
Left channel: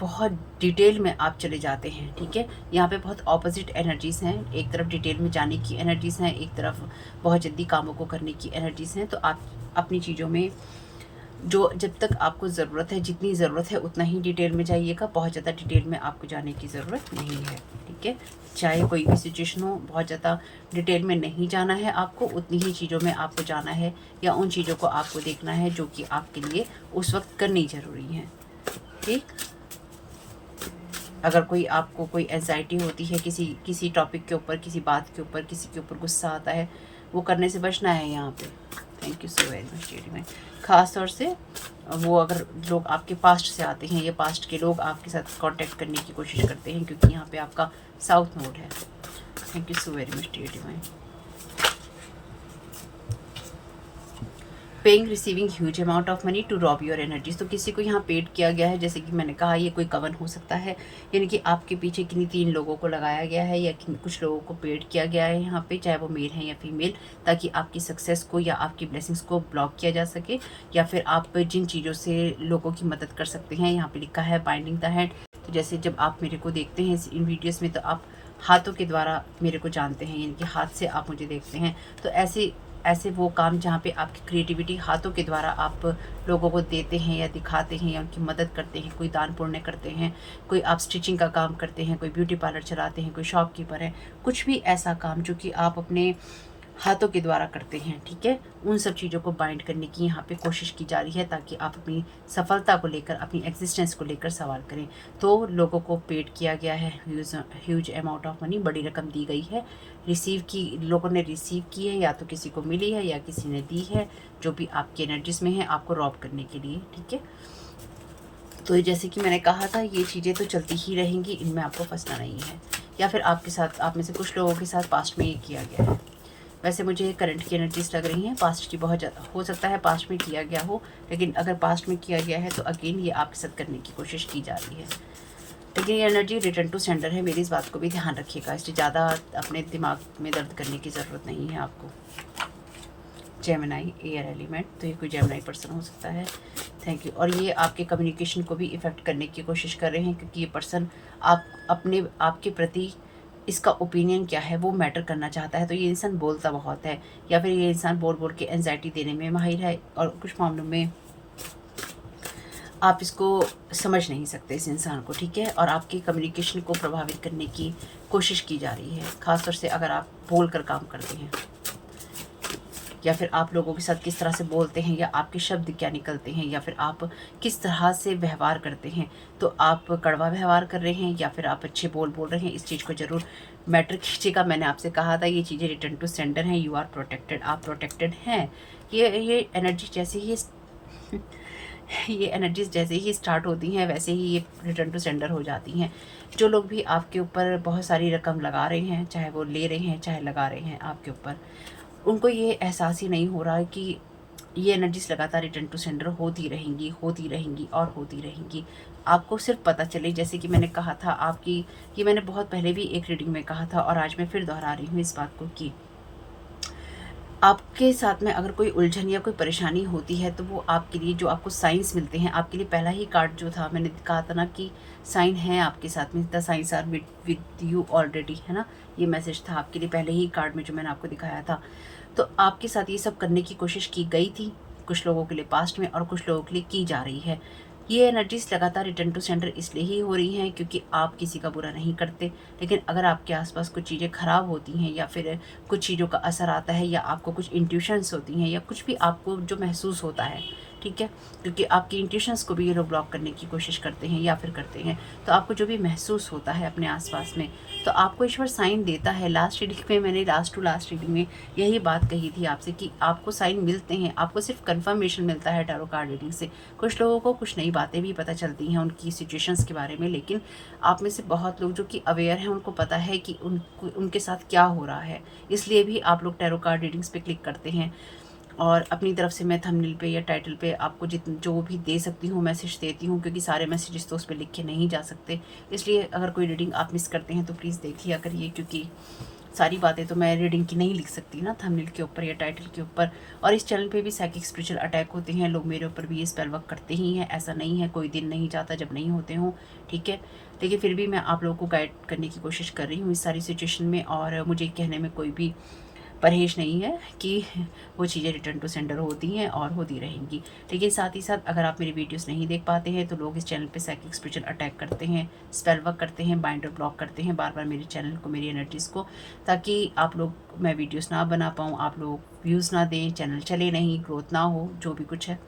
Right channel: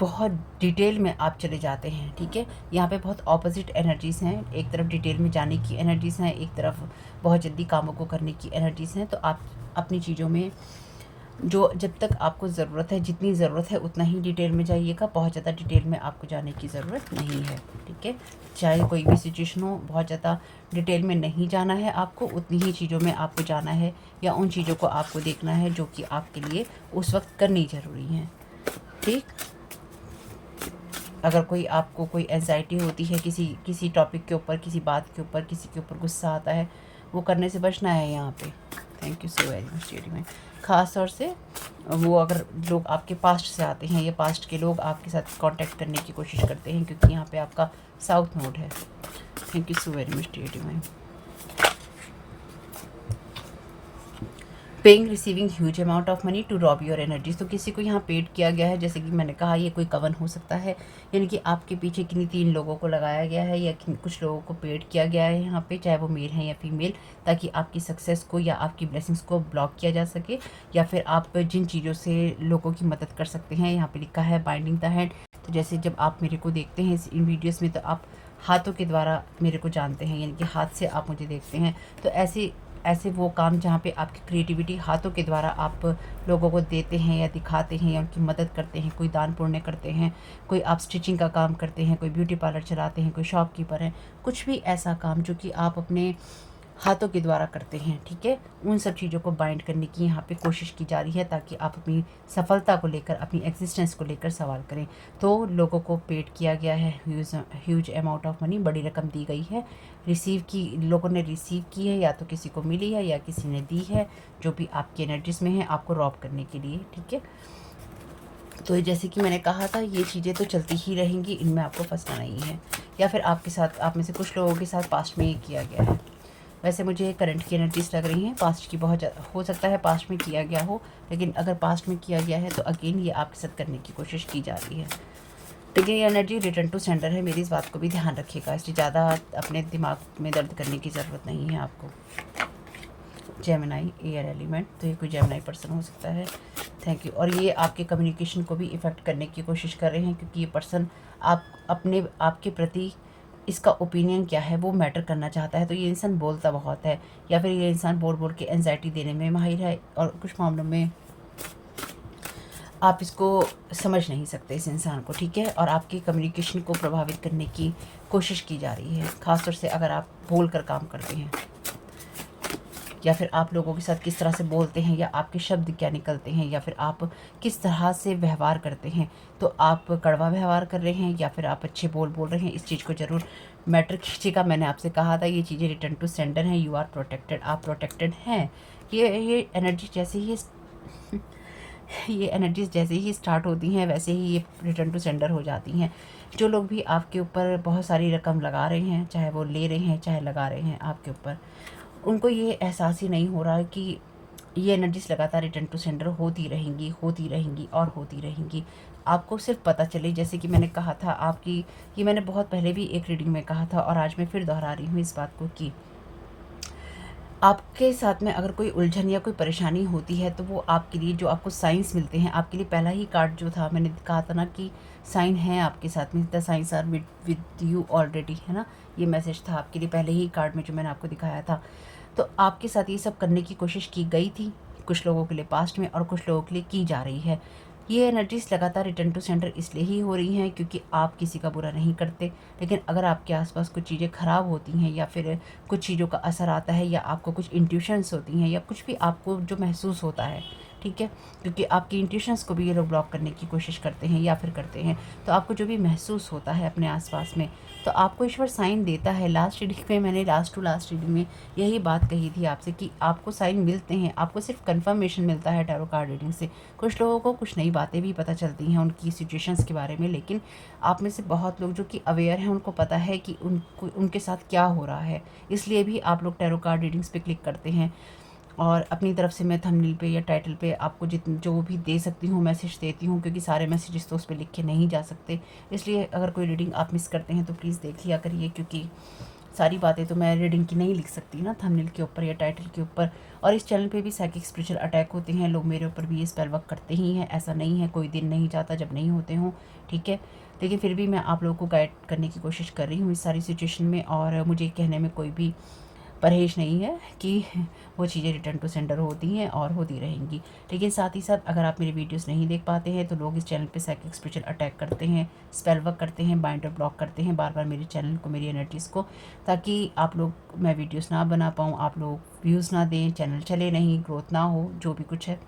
बहुत डिटेल में आप चले जाते हैं, ठीक है। यहाँ पे बहुत ऑपोजिट एनर्जीज़ हैं, एक तरफ डिटेल में जाने की एनर्जीज़ हैं, एक तरफ बहुत जल्दी कामों को करने की एनर्जीज़ हैं। तो आप अपनी चीज़ों में जो जब तक आपको ज़रूरत है, जितनी ज़रूरत है उतना ही डिटेल में जाइएगा, बहुत ज़्यादा डिटेल में आपको जाने की ज़रूरत नहीं है, ठीक है। चाहे कोई भी सिचुएशन हो, बहुत ज़्यादा डिटेल में नहीं जाना है आपको, उतनी ही चीज़ों में आपको जाना है, या उन चीज़ों को आपको देखना है जो कि आपके लिए उस वक्त करनी ज़रूरी है, ठीक। अगर कोई आपको कोई एंजाइटी होती है किसी टॉपिक के ऊपर, किसी बात के ऊपर, किसी के ऊपर गुस्सा आता है, वो करने से बचना है यहाँ पे। Thank you so very much डेडी में। ख़ास तौर से वो अगर लोग आपके पास्ट से आते हैं या पास्ट के लोग आपके साथ कांटेक्ट करने की कोशिश करते हैं, क्योंकि यहाँ पे आपका साउथ नोड है। Thank you so very much डेडी में। Paying receiving huge amount of money to rob your energies. तो किसी को यहाँ पेड किया गया है, जैसे कि मैंने कहा ये कोई कवन हो सकता है, यानी कि आपके पीछे किन्हीं 3 लोगों को लगाया गया है या कुछ लोगों को पेड किया गया है यहाँ पे, चाहे वो मेल है या फीमेल, ताकि आपकी सक्सेस को या आपकी ब्लेसिंग्स को ब्लॉक किया जा सके, या फिर आप जिन चीज़ों से लोगों की मदद कर सकते हैं। यहाँ पर लिखा है बाइंडिंग द हैंड। तो जैसे जब आप मेरे को देखते हैं इन वीडियोज़ में, तो आप हाथों के द्वारा मेरे को जानते हैं, यानी कि हाथ से आप मुझे देखते हैं। तो ऐसे वो काम जहाँ पे आपकी क्रिएटिविटी हाथों के द्वारा आप लोगों को देते हैं या दिखाते हैं या उनकी मदद करते हैं, कोई दान पुण्य करते हैं, कोई आप स्टिचिंग का काम करते हैं, कोई ब्यूटी पार्लर चलाते हैं, कोई शॉपकीपर है, कुछ भी ऐसा काम जो कि आप अपने हाथों के द्वारा करते हैं, ठीक है, उन सब चीज़ों को बाइंड करने की यहाँ पे कोशिश की जा रही है, ताकि आप अपनी सफलता को लेकर, अपनी एग्जिस्टेंस को लेकर सवाल करें। तो लोगों को पेड किया गया है ह्यूज अमाउंट ऑफ मनी, बड़ी रकम दी गई है, लोगों ने रिसीव की है, या तो किसी को मिली है या किसी ने दी है, जो भी आपकी एनर्जीज में है, आपको रॉब करने के लिए, ठीक है। तो जैसे कि मैंने कहा था, ये चीज़ें तो चलती ही रहेंगी, इनमें आपको फंसना नहीं है। या फिर आपके साथ, आप में से कुछ लोगों के साथ पास्ट में ये किया गया है। वैसे मुझे करंट की एनर्जीज लग रही हैं, पास्ट की बहुत ज़्यादा हो सकता है पास्ट में किया गया हो, लेकिन अगर पास्ट में किया गया है तो अगेन ये आपके साथ करने की कोशिश की जा रही है। लेकिन ये एनर्जी रिटर्न टू सेंडर है, मेरी इस बात को भी ध्यान रखिएगा, इसलिए ज़्यादा अपने दिमाग में दर्द करने की ज़रूरत नहीं है आपको। जेमिनाई एयर एलिमेंट, तो ये कोई जेमिनाई पर्सन हो सकता है। Thank you. और ये आपके कम्युनिकेशन को भी इफ़ेक्ट करने की कोशिश कर रहे हैं, क्योंकि ये पर्सन आपके प्रति इसका ओपिनियन क्या है वो मैटर करना चाहता है। तो ये इंसान बोलता बहुत है, या फिर ये इंसान बोल बोल के एंजाइटी देने में माहिर है, और कुछ मामलों में आप इसको समझ नहीं सकते इस इंसान को, ठीक है। और आपके कम्युनिकेशन को प्रभावित करने की कोशिश की जा रही है, ख़ासतौर से अगर आप बोल कर काम करते हैं, या फिर आप लोगों के साथ किस तरह से बोलते हैं, या आपके शब्द क्या निकलते हैं, या फिर आप किस तरह से व्यवहार करते हैं। तो आप कड़वा व्यवहार कर रहे हैं या फिर आप अच्छे बोल रहे हैं, इस चीज़ को ज़रूर मैटर कीजिएगा। मैंने आपसे कहा था ये चीज़ें रिटर्न टू सेंडर हैं, यू आर प्रोटेक्टेड, आप प्रोटेक्टेड हैं। ये एनर्जी जैसे ही ये एनर्जीज जैसे ही स्टार्ट होती हैं, वैसे ही ये रिटर्न टू सेंडर हो जाती हैं। जो लोग भी आपके ऊपर बहुत सारी रकम लगा रहे हैं, चाहे वो ले रहे हैं चाहे लगा रहे हैं आपके ऊपर, उनको ये एहसास ही नहीं हो रहा है कि ये एनर्जीज लगातार रिटर्न टू सेंडर होती रहेंगी, होती रहेंगी और होती रहेंगी। आपको सिर्फ पता चले, जैसे कि मैंने कहा था आपकी, ये मैंने बहुत पहले भी एक रीडिंग में कहा था और आज मैं फिर दोहरा रही हूँ इस बात को, कि आपके साथ में अगर कोई उलझन या कोई परेशानी होती है, तो वो आपके लिए जो आपको साइंस मिलते हैं, आपके लिए पहला ही कार्ड जो था, मैंने कहा था ना कि साइन है आपके साथ में, the science are with you already, है ना, ये मैसेज था आपके लिए पहले ही कार्ड में जो मैंने आपको दिखाया था। तो आपके साथ ये सब करने की कोशिश की गई थी, कुछ लोगों के लिए पास्ट में और कुछ लोगों के लिए की जा रही है। ये एनर्जीज लगातार रिटर्न टू सेंडर इसलिए ही हो रही हैं क्योंकि आप किसी का बुरा नहीं करते, लेकिन अगर आपके आसपास कुछ चीज़ें ख़राब होती हैं, या फिर कुछ चीज़ों का असर आता है, या आपको कुछ इंट्यूशंस होती हैं, या कुछ भी आपको जो महसूस होता है, ठीक है, क्योंकि आपकी इंट्यूशंस को भी ये लोग ब्लॉक करने की कोशिश करते हैं या फिर करते हैं। तो आपको जो भी महसूस होता है अपने आसपास में, तो आपको ईश्वर साइन देता है। लास्ट रीडिंग में मैंने लास्ट रीडिंग में यही बात कही थी आपसे कि आपको साइन मिलते हैं, आपको सिर्फ कंफर्मेशन मिलता है टैरो कार्ड रीडिंग से। कुछ लोगों को कुछ नई बातें भी पता चलती हैं उनकी सिचुएशंस के बारे में, लेकिन आप में से बहुत लोग जो कि अवेयर हैं, उनको पता है कि उनके साथ क्या हो रहा है, इसलिए भी आप लोग टैरो कार्ड रीडिंग्स पे क्लिक करते हैं। और अपनी तरफ से मैं थंबनेल पे या टाइटल पे आपको जो भी दे सकती हूँ मैसेज देती हूँ, क्योंकि सारे मैसेजेस तो उस पर लिख के नहीं जा सकते। इसलिए अगर कोई रीडिंग आप मिस करते हैं तो प्लीज़ देख लिया करिए, क्योंकि सारी बातें तो मैं रीडिंग की नहीं लिख सकती ना थंबनेल के ऊपर या टाइटल के ऊपर। और इस चैनल पे भी साइकिक स्पिरिचुअल अटैक होते हैं, लोग मेरे ऊपर भी ये स्पेल वर्क करते ही हैं, ऐसा नहीं है, कोई दिन नहीं जाता जब नहीं होते हों, ठीक है। लेकिन फिर भी मैं आप लोगों को गाइड करने की कोशिश कर रही हूँ इस सारी सिचुएशन में, और मुझे कहने में कोई भी परहेज नहीं है कि वो चीज़ें रिटर्न टू सेंडर होती हैं और होती रहेंगी। लेकिन साथ ही साथ अगर आप मेरी वीडियोस नहीं देख पाते हैं, तो लोग इस चैनल पे साइकिक स्पिरिचुअल अटैक करते हैं, स्पेल वर्क करते हैं, बाइंडर ब्लॉक करते हैं बार बार मेरे चैनल को, मेरी एनर्जीज़ को, ताकि आप लोग, मैं वीडियोस ना बना पाऊँ, आप लोग व्यूज़ ना दें, चैनल चले नहीं, ग्रोथ ना हो, जो भी कुछ है।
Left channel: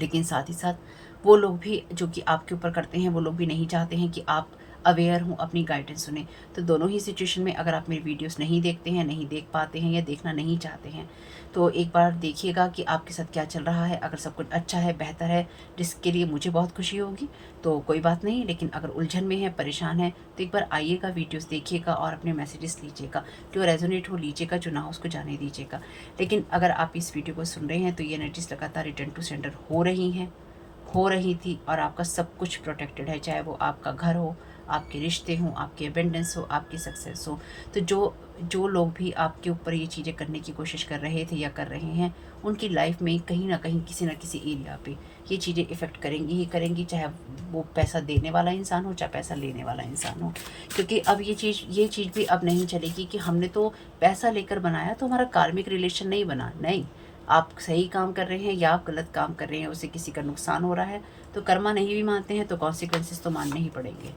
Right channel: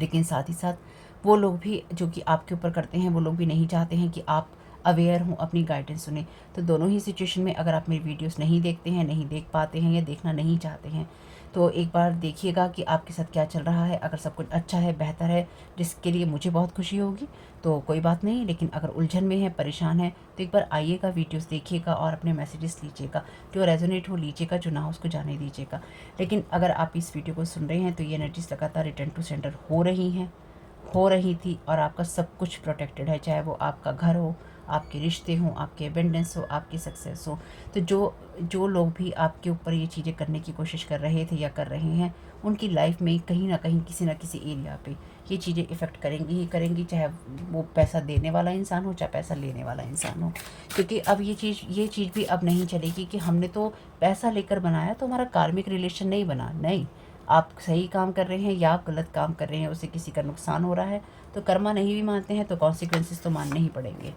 लेकिन साथ ही साथ वो लोग भी जो कि आपके ऊपर करते हैं, वो लोग भी नहीं चाहते हैं कि आप अवेयर हों, अपनी गाइडेंस सुने। तो दोनों ही सिचुएशन में अगर आप मेरी वीडियोस नहीं देखते हैं, नहीं देख पाते हैं या देखना नहीं चाहते हैं, तो एक बार देखिएगा कि आपके साथ क्या चल रहा है। अगर सब कुछ अच्छा है, बेहतर है, जिसके लिए मुझे बहुत खुशी होगी, तो कोई बात नहीं। लेकिन अगर उलझन में है, परेशान है, तो एक बार आइएगा, वीडियोस देखिएगा और अपने मैसेजेस लीजिएगा। जो रेजोनेट हो लीजिएगा, जो ना हो उसको जाने दीजिएगा। लेकिन अगर आप इस वीडियो को सुन रहे हैं तो ये एनर्जीज लगातार रिटर्न टू सेंटर हो रही हैं, हो रही थी, और आपका सब कुछ प्रोटेक्टेड है। चाहे वो आपका घर हो, आपके रिश्ते हों, आपके अबेंडेंस हो, आपकी सक्सेस हो। तो जो जो लोग भी आपके ऊपर ये चीज़ें करने की कोशिश कर रहे थे या कर रहे हैं, उनकी लाइफ में कहीं ना कहीं किसी ना किसी एरिया पे ये चीज़ें इफ़ेक्ट करेंगी ही करेंगी, चाहे वो पैसा देने वाला इंसान हो, चाहे पैसा लेने वाला इंसान हो। क्योंकि अब ये चीज़ भी अब नहीं चलेगी कि हमने तो पैसा लेकर बनाया तो हमारा कार्मिक रिलेशन नहीं बना। नहीं, आप सही काम कर रहे हैं या आप गलत काम कर रहे हैं, उससे किसी का नुकसान हो रहा है, तो कर्मा नहीं भी मानते हैं तो कॉन्सिक्वेंसेस तो मानने ही पड़ेंगे।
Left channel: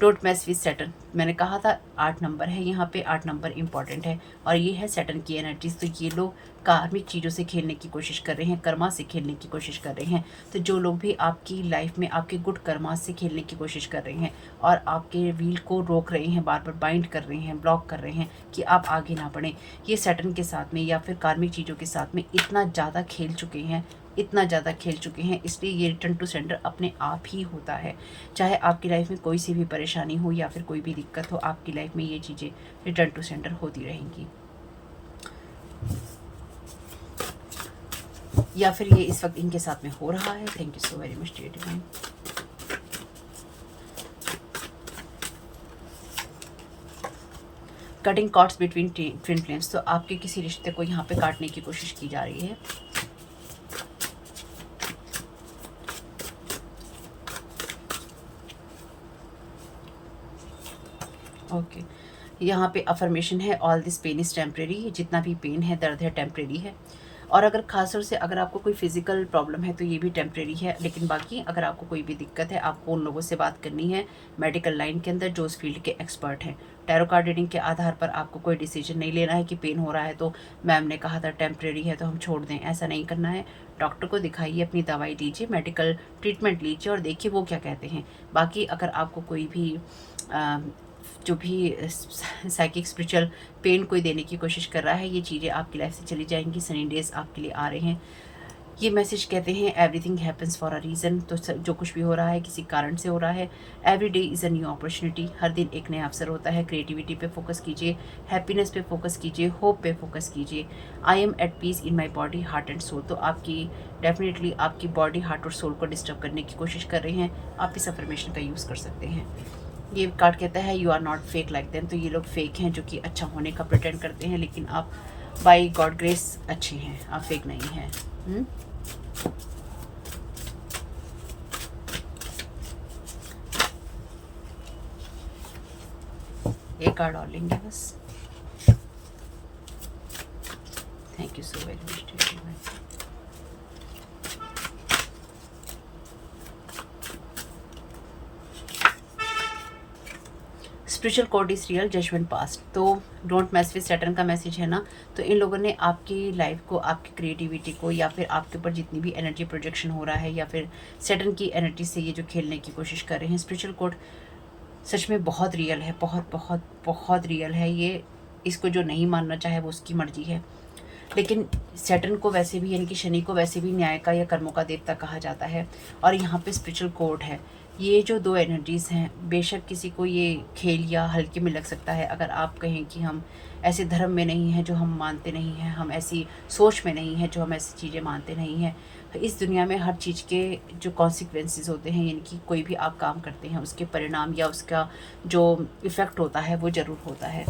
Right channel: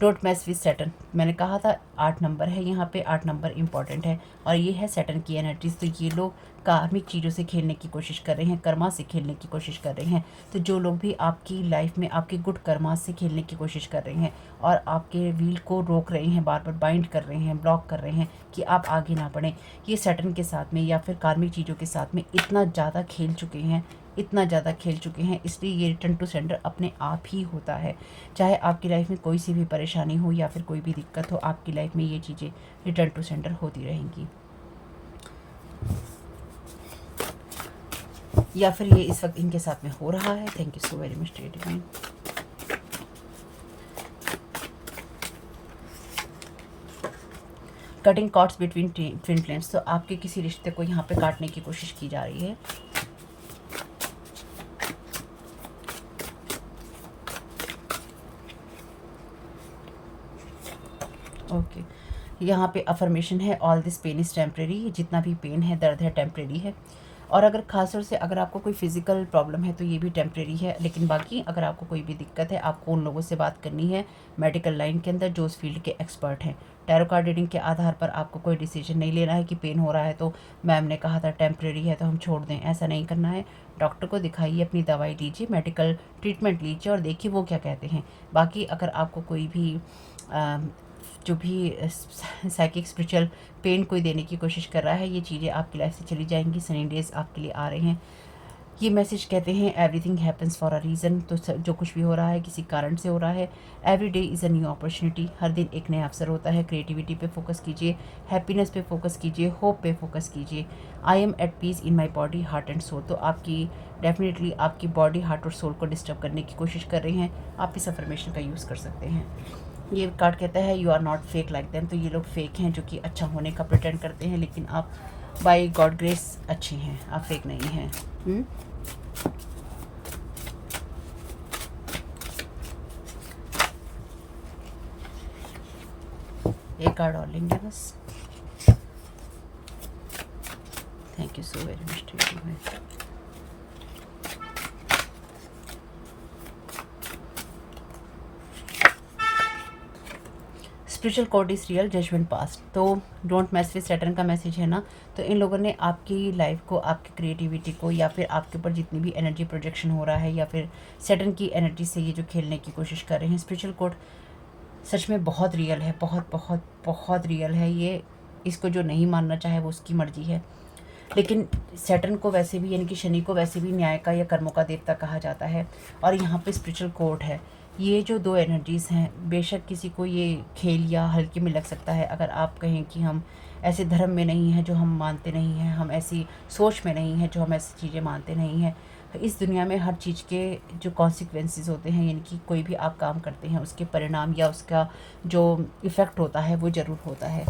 डोंट मैस विद सैटर्न, मैंने कहा था 8 नंबर है यहाँ पे, 8 नंबर इंपॉर्टेंट है और ये है सैटर्न की एनर्जीज। तो ये लोग कार्मिक चीज़ों से खेलने की कोशिश कर रहे हैं, कर्मा से खेलने की कोशिश कर रहे हैं। तो जो लोग भी आपकी लाइफ में आपके गुड कर्मा से खेलने की कोशिश कर रहे हैं और आपके व्हील को रोक रहे हैं, बार बार बाइंड कर रहे हैं, ब्लॉक कर रहे हैं कि आप आगे ना बढ़ें, ये सैटर्न के साथ में या फिर कार्मिक चीज़ों के साथ में इतना ज़्यादा खेल चुके हैं, इतना ज़्यादा खेल चुके हैं, इसलिए ये रिटर्न टू सेंटर अपने आप ही होता है। चाहे आपकी लाइफ में कोई सी भी परेशानी हो या फिर कोई भी दिक्कत हो, आपकी लाइफ में ये चीज़ें रिटर्न टू सेंटर होती रहेंगी। या फिर ये इस वक्त इनके साथ में हो रहा है। Thank you so very much dear divine. Cutting cords between twin flames, तो आपके किसी रिश्ते को यहाँ पे काटने की कोशिश की जा रही है। ओके, यहाँ पे अफर्मेशन है, all this pain is temporary, जितना भी पेन है, दर्द है, टेम्प्रेरी है। और अगर खासतौर से अगर आपको कोई फिजिकल प्रॉब्लम है तो ये भी टेम्प्रेरी है। लेकिन बाकी अगर आपको कोई भी दिक्कत है, आपको उन लोगों से बात करनी है मेडिकल लाइन के अंदर जो उस फील्ड के एक्सपर्ट हैं। टैरो कार्ड रीडिंग के आधार पर आपको कोई डिसीजन नहीं लेना है कि पेन हो रहा है तो मैम ने कहा था टेम्प्रेरी है तो हम छोड़ दें, ऐसा नहीं करना है। डॉक्टर को दिखाइए, अपनी दवाई लीजिए, मेडिकल ट्रीटमेंट लीजिए और देखिए वो क्या कहते हैं। बाकी अगर आपको कोई भी जो भी साइकिक स्पिरिचुअल पेन कोई देने की कोशिश कर रहा है, ये चीज़ें आपकी लाइफ से चली जाएंगी। सनी डेज आपके लिए आ रहे हैं। ये मैसेज कहते हैं everything happens for a reason, तो जो कुछ भी हो रहा है किसी कारण से हो रहा है। Every day is a new opportunity, हर दिन एक नया अवसर होता है। क्रिएटिविटी पे फोकस कीजिए, हैप्पीनेस पे फोकस कीजिए, होप पे फोकस कीजिए। I am at peace in my body heart and soul, तो आपकी डेफिनेटली आपकी बॉडी, हार्ट और सोल को डिस्टर्ब करने की कोशिश कर रहे हैं। आप इस अफर्मेशन का यूज़ कर सकते हैं। ये कार्ड कहता है you are not fake like them, तो ये लोग फेक हैं जो कि अच्छा होने का प्रिटेंड करते हैं, लेकिन आप बाय गॉड ग्रेस अच्छे हैं, आप फेक नहीं हैं। एक कार्ड और लेंगे बस। Thank you so very much. Spiritual code is real, judgement past, तो डोंट मैस विद सैटर्न का मैसेज है ना। तो इन लोगों ने आपकी लाइफ को, आपकी क्रिएटिविटी को, या फिर आपके ऊपर जितनी भी एनर्जी प्रोजेक्शन हो रहा है, या फिर सैटर्न की एनर्जी से ये जो खेलने की कोशिश कर रहे हैं। स्पिरिचुअल कोड सच में बहुत रियल है, बहुत बहुत बहुत रियल है ये। इसको जो नहीं मानना चाहे वो उसकी मर्जी है। लेकिन सैटर्न को वैसे भी, यानी कि शनि को वैसे भी न्याय का या कर्मों का देवता कहा जाता है। और यहाँ पे स्पिरिचुअल कोड है। ये जो दो एनर्जीज़ हैं, बेशक किसी को ये खेल या हल्के में लग सकता है। अगर आप कहें कि हम ऐसे धर्म में नहीं हैं जो हम मानते नहीं हैं, हम ऐसी सोच में नहीं हैं जो हम ऐसी चीज़ें मानते नहीं हैं, तो इस दुनिया में हर चीज़ के जो कॉन्सिक्वेंसेस होते हैं, यानी कि कोई भी आप काम करते हैं उसके परिणाम या उसका जो इफ़ेक्ट होता है वो ज़रूर होता है।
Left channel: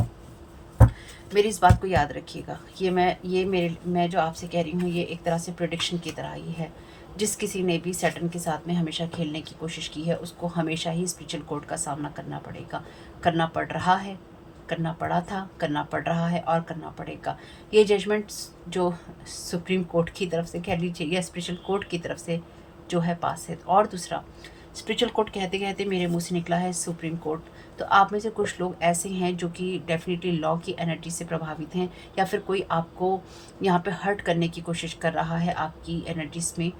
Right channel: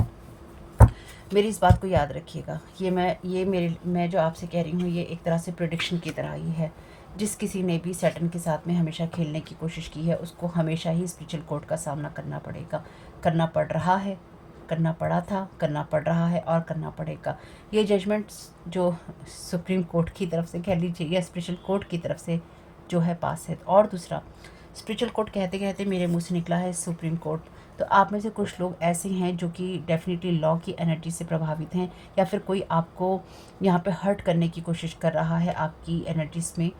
मेरी इस बात को याद रखिएगा। मैं जो आपसे कह रही हूँ ये एक तरह से प्रेडिक्शन की तरह ही है। जिस किसी ने भी सैटर्न के साथ में हमेशा खेलने की कोशिश की है उसको हमेशा ही स्पिरिचुअल कोड का सामना करना पड़ेगा, करना पड़ रहा है, करना पड़ा था, करना पड़ रहा है और करना पड़ेगा। ये जजमेंट्स जो सुप्रीम कोर्ट की तरफ से कह लीजिए या स्पिरिचुअल कोर्ट की तरफ से जो है पास है। और दूसरा, स्पिरिचुअल कोर्ट कहते कहते मेरे मुँह से निकला है सुप्रीम कोर्ट। तो आप में से कुछ लोग ऐसे हैं जो कि डेफिनेटली लॉ की एनर्जी से प्रभावित हैं, या फिर कोई आपको यहाँ पे हर्ट करने की कोशिश कर रहा है आपकी एनर्जीज में,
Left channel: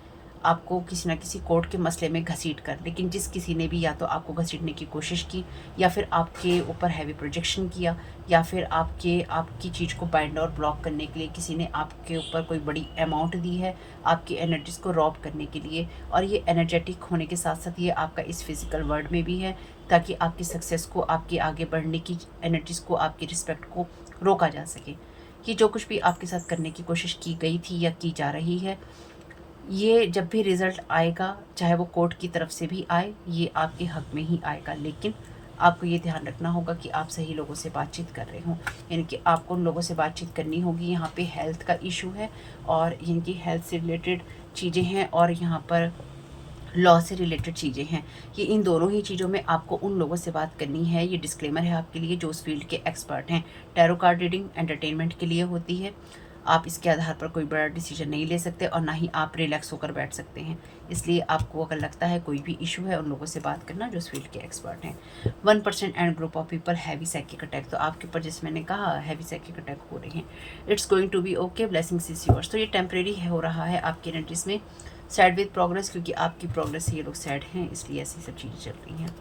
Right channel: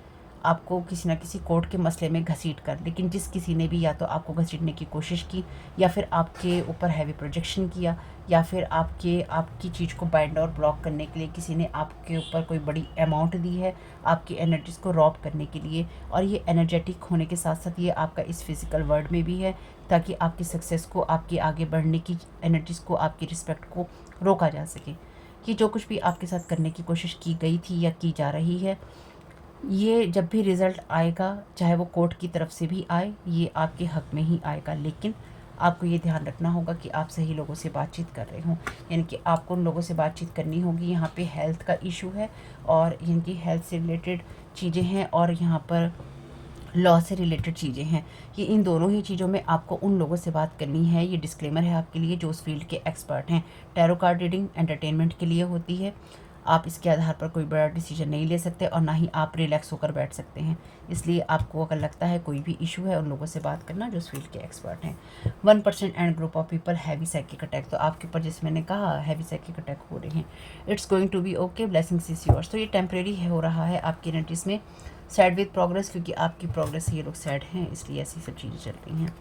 आपको किसी न किसी कोर्ट के मसले में घसीट कर, लेकिन जिस किसी ने भी या तो आपको घसीटने की कोशिश की, या फिर आपके ऊपर हैवी प्रोजेक्शन किया, या फिर आपकी चीज़ को बाइंड और ब्लॉक करने के लिए किसी ने आपके ऊपर कोई बड़ी अमाउंट दी है, आपकी एनर्जीज़ को रॉब करने के लिए। और ये एनर्जेटिक होने के साथ साथ ये आपका इस फिज़िकल वर्ल्ड में भी है, ताकि आपकी सक्सेस को, आपकी आगे बढ़ने की एनर्जीज़ को, आपकी रिस्पेक्ट को रोका जा सके। कि जो कुछ भी आपके साथ करने की कोशिश की गई थी या की जा रही है, ये जब भी रिज़ल्ट आएगा, चाहे वो कोर्ट की तरफ से भी आए, ये आपके हक़ में ही आएगा। लेकिन आपको ये ध्यान रखना होगा कि आप सही लोगों से बातचीत कर रहे हों, यानी कि आपको उन लोगों से बातचीत करनी होगी। यहाँ पे हेल्थ का इशू है, और इनकी हेल्थ से रिलेटेड चीज़ें हैं, और यहाँ पर लॉ से रिलेटेड चीज़ें हैं। ये इन दोनों ही चीज़ों में आपको उन लोगों से बात करनी है। ये डिस्क्लेमर है आपके लिए जो उस फील्ड के एक्सपर्ट हैं। टैरो कार्ड रीडिंग एंटरटेनमेंट के लिए होती है। आप इसके आधार पर कोई बड़ा डिसीजन नहीं ले सकते, और ना ही आप रिलैक्स होकर बैठ सकते हैं। इसलिए आपको अगर लगता है कोई भी इशू है, उन लोगों से बात करना जो उस फील्ड के एक्सपर्ट हैं। 1% and group of people heavy psychic attack, तो आपके ऊपर जैसे मैंने कहा हैवी साइकिक अटैक हो रहे हैं। It's going to be okay, blessings is yours. तो ये टेम्प्रेरी हो रहा है आपकी एनर्जीज में। सैड विद प्रोग्रेस, क्योंकि आपकी प्रोग्रेस से ये लोग सैड हैं, इसलिए ऐसी सब चीज़ें चल रही हैं।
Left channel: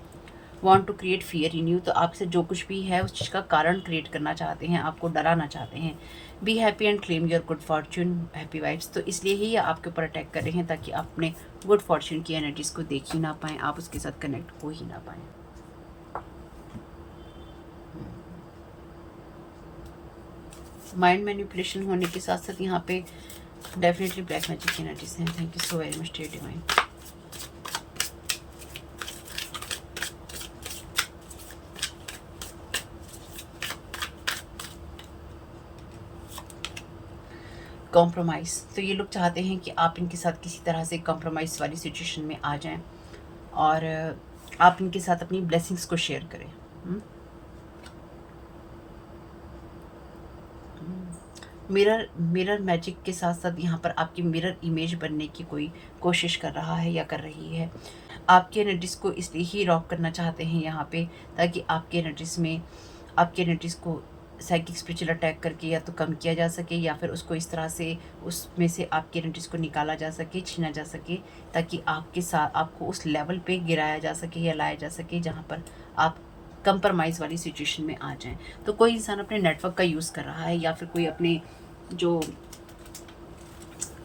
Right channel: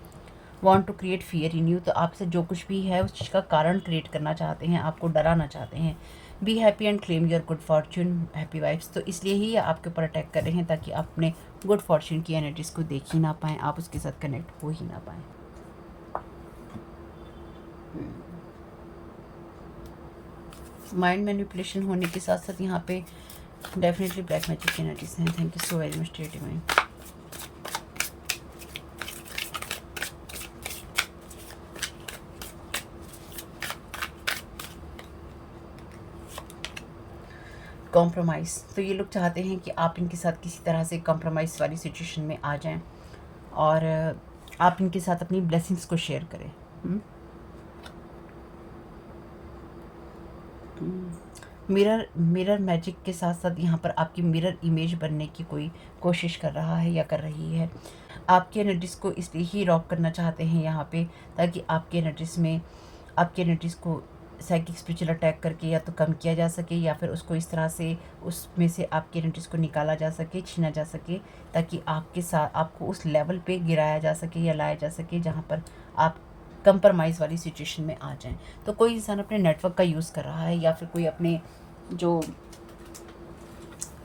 Want to create fear in you, तो आपसे जो कुछ भी है उस चीज़ का कारण क्रिएट करना चाहते हैं, आपको डराना चाहते हैं। Be happy and claim your good Fortune, happy vibes, तो इसलिए ही ये आपके ऊपर अटैक कर रहे हैं, ताकि आप अपने गुड फॉर्च्यून की एनर्जीज को देख ही ना पाएँ, आप उसके साथ कनेक्ट हो ही ना पाएँ। माइंड मैनिपुलेशन होने के साथ साथ यहाँ पे डेफिनेटली ब्लैक मैजिक की एनर्जीज हैं। Thank you so very much dear divine. Compromise, तो ये लोग चाहते हैं कि आप इनके साथ किसी तरह से कॉम्प्रोमाइज़ वाली सिचुएशन में आ जाएं, और आप इनके साथ अपनी ब्लेसिंग्स को शेयर करें। मिरर मैजिक के साथ साथ यहाँ पर आपकी मिरर इमेज बनने की कोई कोशिश कर रहा है या कर रही है। आपकी एनर्जीज़ को इसलिए ही रॉब करना चाहते हैं यहाँ पे, ताकि आपकी एनर्जीज़ को साइकिक स्पिरिचुअल अटैक करके या तो कम किया जा सके, या फिर उसको इस तरह से उसमें से आपकी एनर्जीज़ को निकाला जा सके, छीना जा सके, ताकि आपको उस लेवल पे गिराया जा सके या लाया जा सके जहाँ पर आप कंप्रोमाइज़ वाली सिचुएशन में आ जाएं। तो कोई इंसान अपने नेटवर्क का यूज़ कर रहा है, या फिर कोई अपने जो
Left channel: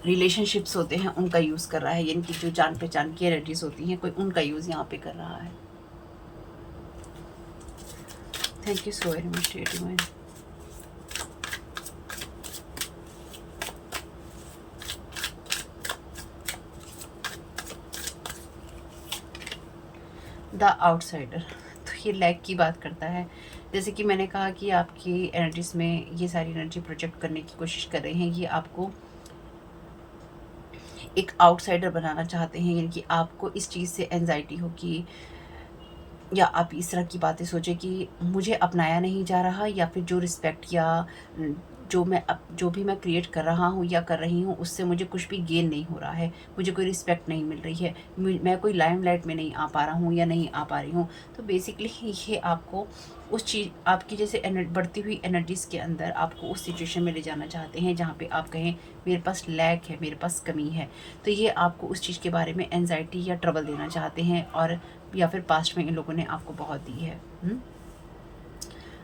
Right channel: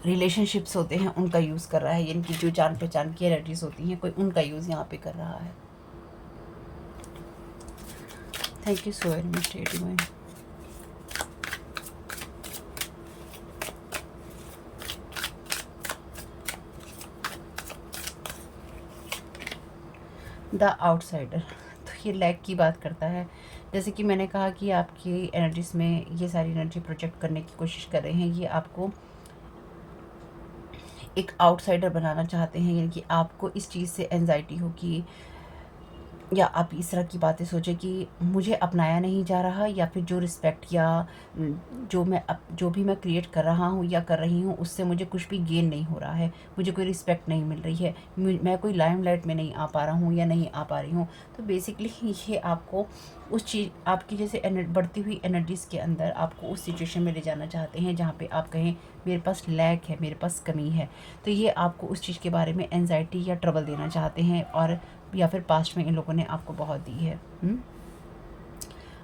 रिलेशनशिप्स होते हैं उनका यूज़ कर रहा है, यानी कि जो जान पहचान की एनर्जीज होती हैं, कोई उनका यूज़ यहाँ पे कर रहा है। Thank you so very much dear divine. The outsider, तो ये लैक की बात करता है। जैसे कि मैंने कहा कि आपकी एनर्जीज में ये सारी एनर्जी प्रोजेक्ट करने की कोशिश कर रहे हैं, ये आपको एक आउटसाइडर बनाना चाहते हैं, यानी कि आपको इस चीज़ से एंजाइटी हो कि, या आप इस तरह की बातें सोचें कि मुझे अपनाया नहीं जा रहा, या फिर जो रिस्पेक्ट या जो भी मैं क्रिएट कर रहा हूँ या कर रही हूँ, उससे मुझे कुछ भी गेन नहीं हो रहा है, मुझे कोई रिस्पेक्ट नहीं मिल रही है, मैं कोई लाइमलाइट में नहीं आ पा रहा हूँ या नहीं आ पा रही हूँ। तो बेसिकली ये आपको उस चीज़, आपकी जैसे बढ़ती हुई एनर्जीज़ के अंदर आपको उस सिचुएशन में ले जाना चाहते हैं जहाँ पे आप कहें मेरे पास लैक है, मेरे पास कमी है। तो ये आपको उस चीज़ के बारे में एंजाइटी या ट्रबल देना चाहते हैं, और या फिर पास्ट में इन लोगों ने आपको बहुत दी है।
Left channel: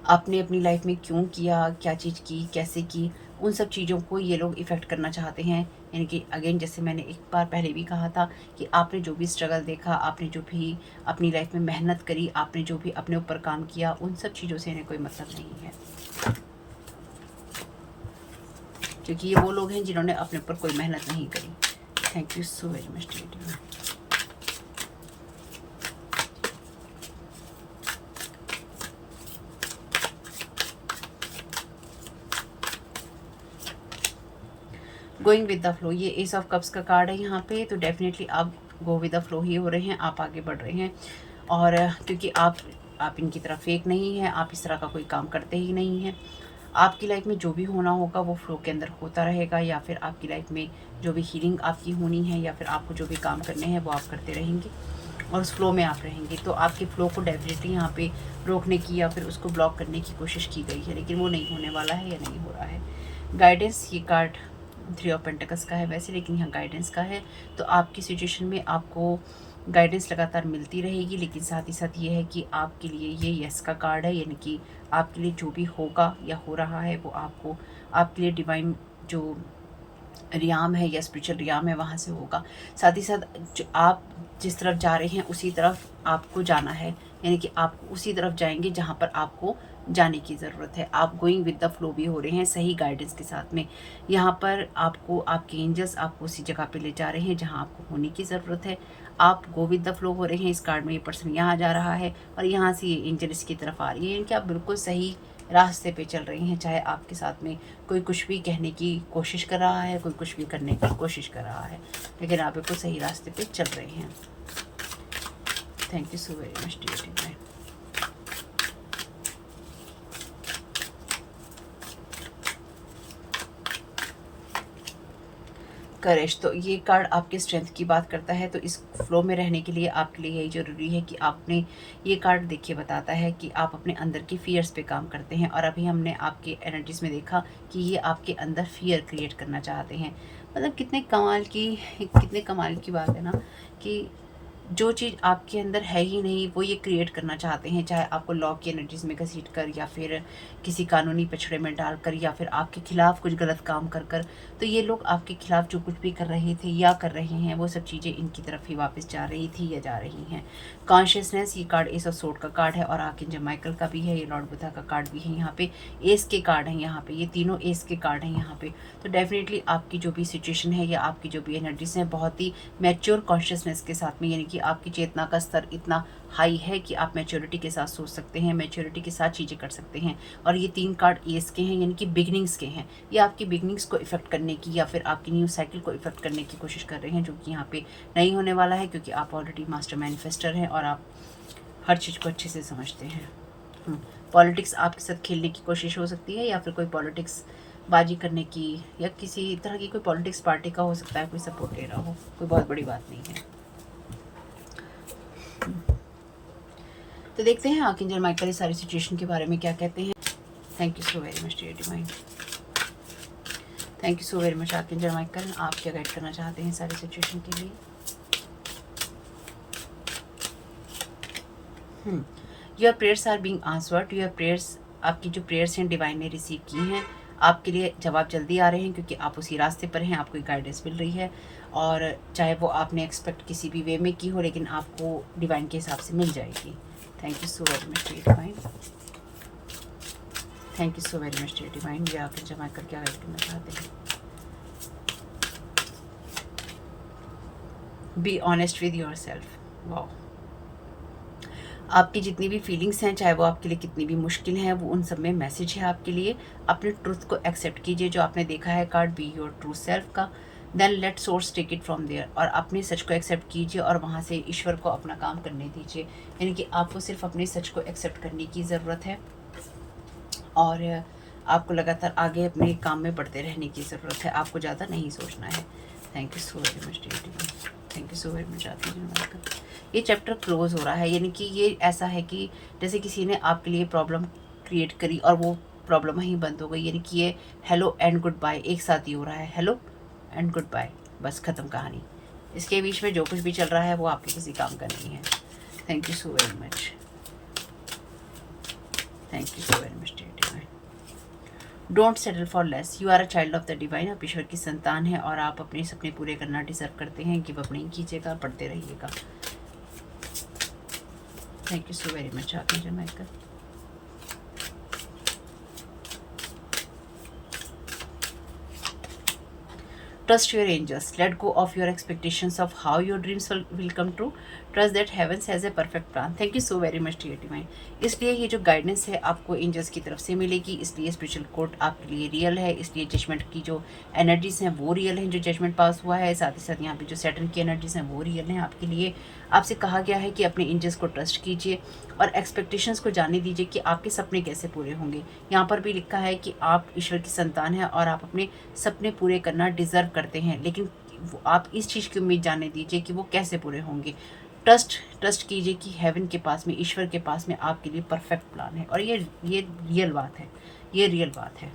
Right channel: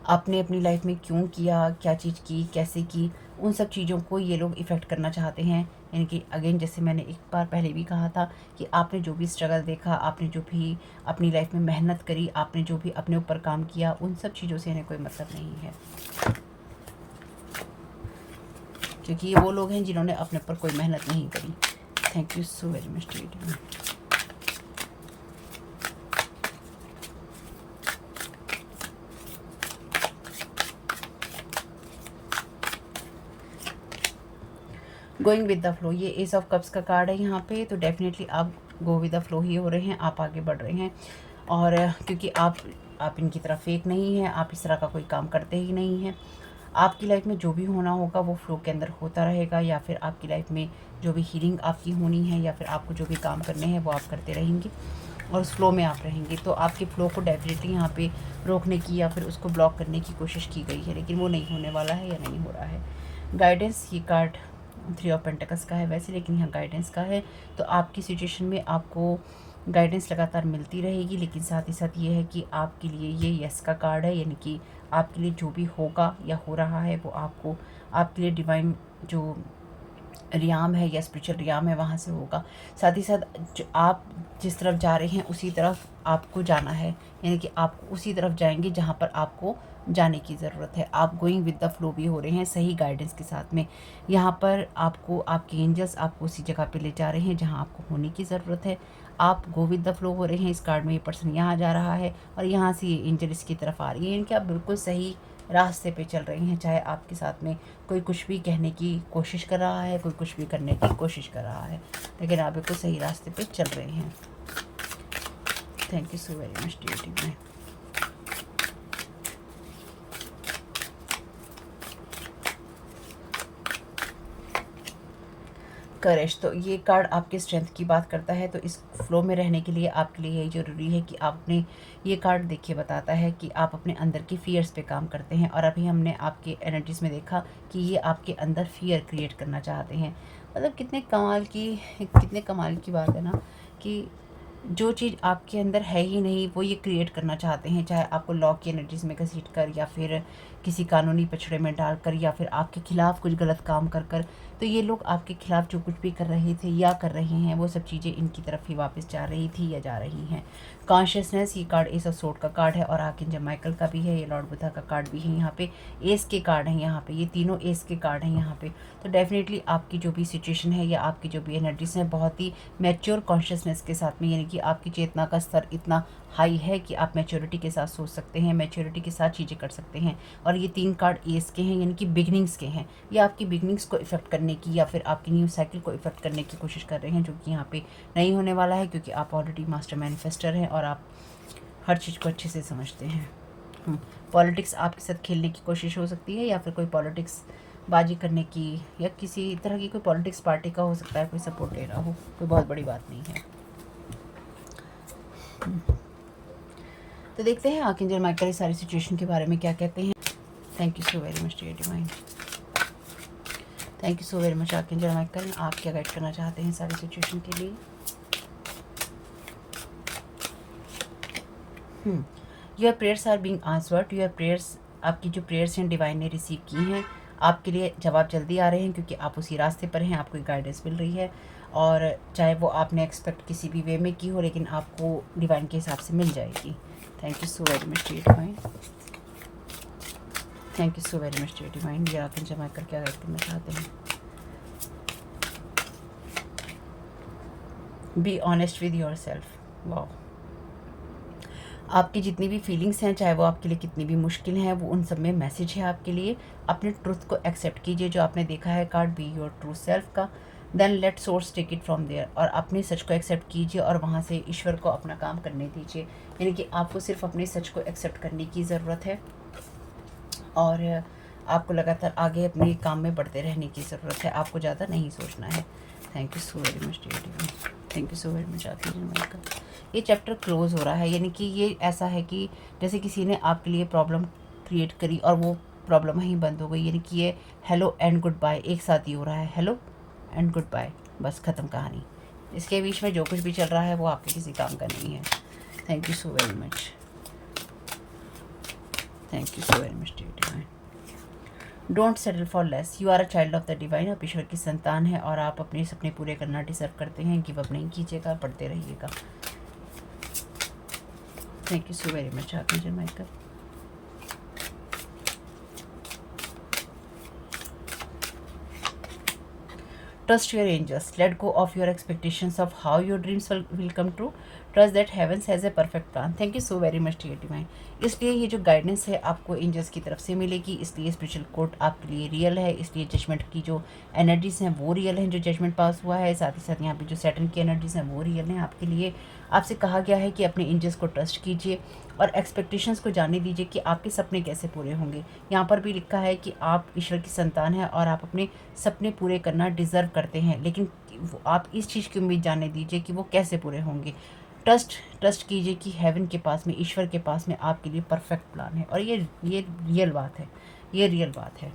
आपने अपनी लाइफ में क्यों किया, क्या चीज़ की, कैसे की, उन सब चीज़ों को ये लोग इफ़ेक्ट करना चाहते हैं। यानी कि अगेन, जैसे मैंने एक बार पहले भी कहा था कि आपने जो भी स्ट्रगल देखा, आपने जो भी अपनी लाइफ में मेहनत करी, आपने जो भी अपने ऊपर काम किया, उन सब चीज़ों से इन्हें कोई मतलब नहीं है, क्योंकि ये वो लोग हैं जिन्होंने अपने ऊपर कोई मेहनत नहीं करी। Thank you so very much dear. Going with the flow, ये एस ऑफ कप्स का कार्ड है यहाँ पे। तो डेफिनेटली आप गो विद द फ्लो ही हो रहे हैं, आप आगे बढ़ रहे हैं, और क्योंकि आप इनकी तरफ फेक नहीं हैं, आप इस तरह का कोई काम करते ही नहीं हैं। आपकी लाइफ में जो भी होना होगा वो फ्लो के अंदर होता रहेगा, या फिर आपकी लाइफ में जो भी हीलिंग आपकी होनी है, या फिर आपको जो भी काम करने हैं वो आप करते रहेंगे, और उस फ्लो में आप रहेंगे। तो आपके फ्लो को डेफिनेटली यहाँ पे रोकने की या फिर उसको ब्लॉक करने की कोशिश की गई है, लेकिन वो नहीं होने वाला है या नहीं हो रहा है। गाइडेंस, ये कार्ड 3 ऑफ पेंटिकल्स का है वैसे, लेकिन यहाँ गाइडेंस का है। तो आपकी सिचुएशन में आपको गाइडेंस लगातार मिलती रहेगी, लेकिन साथ ही साथ ये है कि आपके लिए ये यस का कार्ड है, यानी कि आपके लिए जो भी होगा या हो रहा है वो आपको, आपके लिए डिवाइन जो रियाम है या स्पिरिचुअल रियाम है वहाँ से होगा। साथ ही साथ जो आप जिस तरफ जा रहे हैं उसी तरफ आपको जाना है, यानी कि आप उसी तरफ जाएंगे जहाँ पर आपको जाने की ज़रूरत है। आप गोइंग विद द फ्लो भी हो रहे हैं सही गाइडेंस के साथ में। यहाँ पर आपको आपके एंजल्स आपको उसी जगह पे ले जा रहे हैं जहाँ आपको होने की ज़रूरत है। आप गो विद द फ्लो हो रहे हैं। इस कार्ड में ये पर्सन यहाँ जा रहा है और यहाँ से ये एंजल इसकी तरफ आ रही है, यानी कि आप बिल्कुल सही रास्ते पे चल रही हैं। चाहे आपके साथ में कोई कुछ भी कहने की कोशिश कर रहा है, कोई कुछ भी करने की कोशिश कर रहा है, लेकिन आप बिल्कुल सही रास्ते पे चल रही हैं। Thank you so very much dear में। करेज, तो ये कार्ड आपके स्ट्रेंथ की बात करता है। तो इस फ्लो में रहने के लिए आपके लिए यही ज़रूरी है कि आपने, ये कार्ड देखिए बताता है कि आप अपने अंदर की फियर्स पे काम करते हैं। और अभी हमने आपके एनर्जीज़ में देखा कि ये आपके अंदर फियर क्रिएट करना चाहते हैं। मतलब कितने कमाल की बात है ना, कि जो चीज़ आपके अंदर है ही नहीं वो ये क्रिएट करना चाहते हैं। चाहे आपको लॉ की एनर्जीज़ में घसीट कर, या फिर किसी कानूनी पछड़े में डालकर, या फिर आपके खिलाफ कुछ गलत काम कर कर। तो ये लोग आपके खिलाफ जो कुछ भी कर रहे थे या कर रहे हैं, वो सब चीज़ें इनकी तरफ ही वापस जा रही थी या जा रही हैं। कॉन्शियसनेस, ये कार्ड एस ऑफ सोर्ड का कार्ड है और आर्कएंजल माइकल का भी है। ये लॉर्ड बुद्धा का कार्ड भी है। यहाँ पे एस के कार्ड हैं, यहाँ पे ये तीनों एस के कार्ड हैं यहाँ पे। तो डेफिनेटली आपकी जो भी सिचुएशन है या आपकी जो भी एनर्जीज हैं, बहुत ही मैच्योर कॉन्शियसनेस के साथ में, यानी कि आपकी चेतना का स्तर इतना हाई है कि आप मैच्योरिटी के साथ सोच सकते हैं, मैच्योरिटी के साथ चीज़ें कर सकते हैं। और ये 3 कार्ड एस के हैं, यानी कि बिगनिंग्स के हैं। ये आपकी बिगनिंग्स को इफेक्ट करने की या फिर आपकी न्यू साइकिल को इफेक्ट करने की कोशिश कर रहे हैं, जो कि यहाँ पे नहीं होने वाला है, क्योंकि आप ऑलरेडी मास्टर मैनिफेस्टर हैं और आप हर चीज़ को अच्छे से समझते हैं। पॉलिटिक्स आपके साथ खेलने की कोशिश हो सकती है, या फिर कोई पॉलिटिक्स बाजी करने की, या किसी तरह की कोई पॉलिटिक्स पार्टी का हो सकता है, कोई सपोर्ट ले रहा हो। कोई बहुत बड़ी बात नहीं है। तो देखते हैं आर्कएंजल माइकल इस सारी सिचुएशन के बारे में क्या कहते हैं। Thank you so very much dear divine. Thank you so very much archangel Michael. आप क्या गाइड करना चाहते हैं सारी सिचुएशन के लिए। Your prayers are being answered. Your prayers, आपकी जो प्रेयर्स हैं डिवाइन ने रिसीव की हैं। आपके लिए जवाब जल्दी आ रहे हैं, क्योंकि आप उसी रास्ते पर हैं, आपको गाइडेंस मिल रही है। और चाहे वो आपने एक्सपेक्ट किसी भी वे में की हो, लेकिन आपको डिवाइन के हिसाब से मिल जाएगी। Thank you so very much dear divine. Thank you so very much dear divine. ये आर्कएंजल माइकल क्या गाइड करना चाहते हैं। Be honest with yourself. Wow, आपकी जितनी भी फीलिंग्स हैं, चाहे वो आपके लिए कितनी भी मुश्किल हैं, वो उन सब में मैसेज है आपके लिए। अपने ट्रूथ को एक्सेप्ट कीजिए, जो आपने देखा है card be your true self का। Then let source take it from there, और अपने सच को एक्सेप्ट कीजिए और वहाँ से ईश्वर को अपना काम करने दीजिए। यानी कि आपको सिर्फ अपने सच को एक्सेप्ट करने की ज़रूरत है, और आपको लगातार आगे अपने काम में बढ़ते रहने की ज़रूरत है। आपको ज़्यादा नहीं सोचना है। Thank you so very much dear divine. Thank you so very much archangel. ये चैप्टर क्लोज हो रहा है, यानी कि ये ऐसा है कि जैसे किसी ने आपके लिए प्रॉब्लम क्रिएट करी और वो प्रॉब्लम वहीं बंद हो गई, यानी कि ये हेलो एंड गुड बाय एक साथ ही हो रहा है। हेलो एंड गुड बाय, बस ख़त्म कहानी। इसके बीच में जो कुछ भी चल रहा है वो आपके किसी काम का नहीं है। Thank you so very much. Thank you so very much dear divine. Don't settle for less. You are a child of the divine. आप ईश्वर की संतान है और आप अपने सपने पूरे करना डिजर्व करते हैं। गिव अप नहीं कीजिएगा, पढ़ते रहिएगा। Thank you so very much archangel Michael. Trust your angels. Let go of your expectations of how your dreams will come true. Trust that heavens has a perfect plan. Thank you so very much dear divine. इसलिए ये जो guidance है आपको angels की तरफ से मिलेगी, इसलिए स्पिरिचुअल कोर्ट आपके लिए रियल है, इसलिए जजमेंट की जो एनर्जीज हैं वो रियल हैं, जो जजमेंट पास हुआ है। साथ ही साथ यहाँ पे जो सैटर्न की एनर्जीज हैं वो रियल हैं आपके लिए। आपसे कहा गया है कि अपने एंजल्स को ट्रस्ट कीजिए और एक्सपेक्टेशंस को जानने दीजिए कि आपके सपने कैसे पूरे होंगे। यहाँ पर भी लिखा है कि आप ईश्वर की संतान हैं और आप अपने सपने पूरे करना डिज़र्व करते हैं, लेकिन आप इस चीज़ की उम्मीद जानने दीजिए कि वो कैसे पूरे होंगे। ट्रस्ट कीजिए कि हेवन के पास में, ईश्वर के पास में आपके लिए परफेक्ट प्लान है, और ये रियल बात है, ये रियल बात है।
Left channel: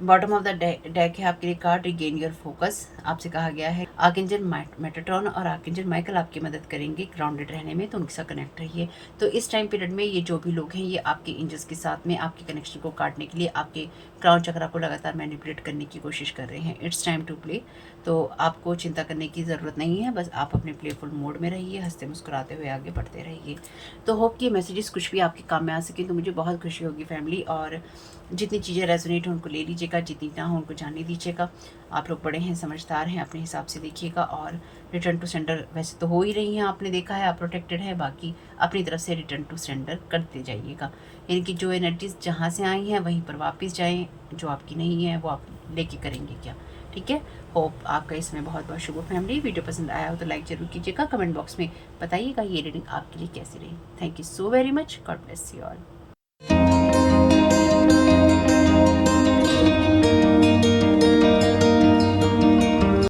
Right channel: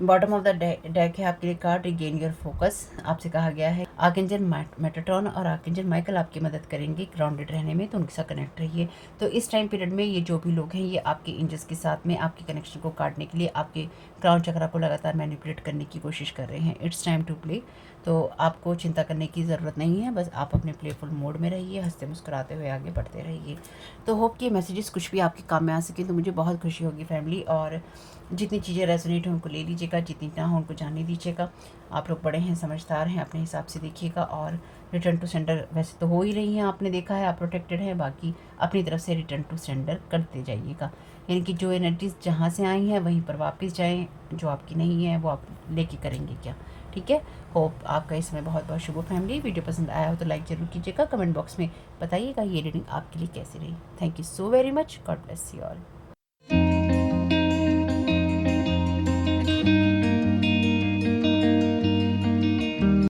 बॉटम ऑफ द डेक है आपके लिए कार्ड रिगेन योर फोकस। आपसे कहा गया है आर्कएंजल मेटाट्रॉन और आर्कएंजल माइकल आपकी मदद करेंगे ग्राउंडेड रहने में, तो उनके साथ कनेक्ट रहिए। तो इस टाइम पीरियड में ये जो भी लोग हैं ये आपके एंजल्स के साथ में आपके कनेक्शन को काटने के लिए आपके क्राउन चक्रा को लगातार मैनिपुलेट करने की कोशिश कर रहे हैं। It's time to play. तो आपको चिंता करने की ज़रूरत नहीं है, बस आप अपने प्लेफुल मोड में रहिए, हंसते मुस्कुराते हुए आगे बढ़ते रहिए। तो होप कि मैसेजेस कुछ भी आपके काम में आ सके, तो मुझे बहुत खुशी होगी फैमिली। और जितनी चीज़ें रेजोनेट हो उनको ले लीजिएगा, जितनी ना हो उनको जाने दीजिएगा। आप लोग बड़े हैं, समझदार हैं, अपने हिसाब से देखिएगा। और रिटर्न टू सेंडर वैसे तो हो ही रही हैं, आपने देखा है, आप प्रोटेक्टेड हैं। बाकी अपनी तरफ से रिटर्न टू सेंडर करते जाइएगा, यानी कि जो एनर्जीज जहाँ से आई हैं वहीं पर वापस जाएँ, जो आपकी नहीं है वो आप लेके करेंगे क्या। ठीक है। होप आपका इसमें बहुत बहुत शुभ हो फैमिली। वीडियो पसंद आया हो तो लाइक ज़रूर कीजिएगा, कमेंट बॉक्स में बताइएगा ये रीडिंग आपके लिए कैसी रही। Thank you so very much. God bless you all.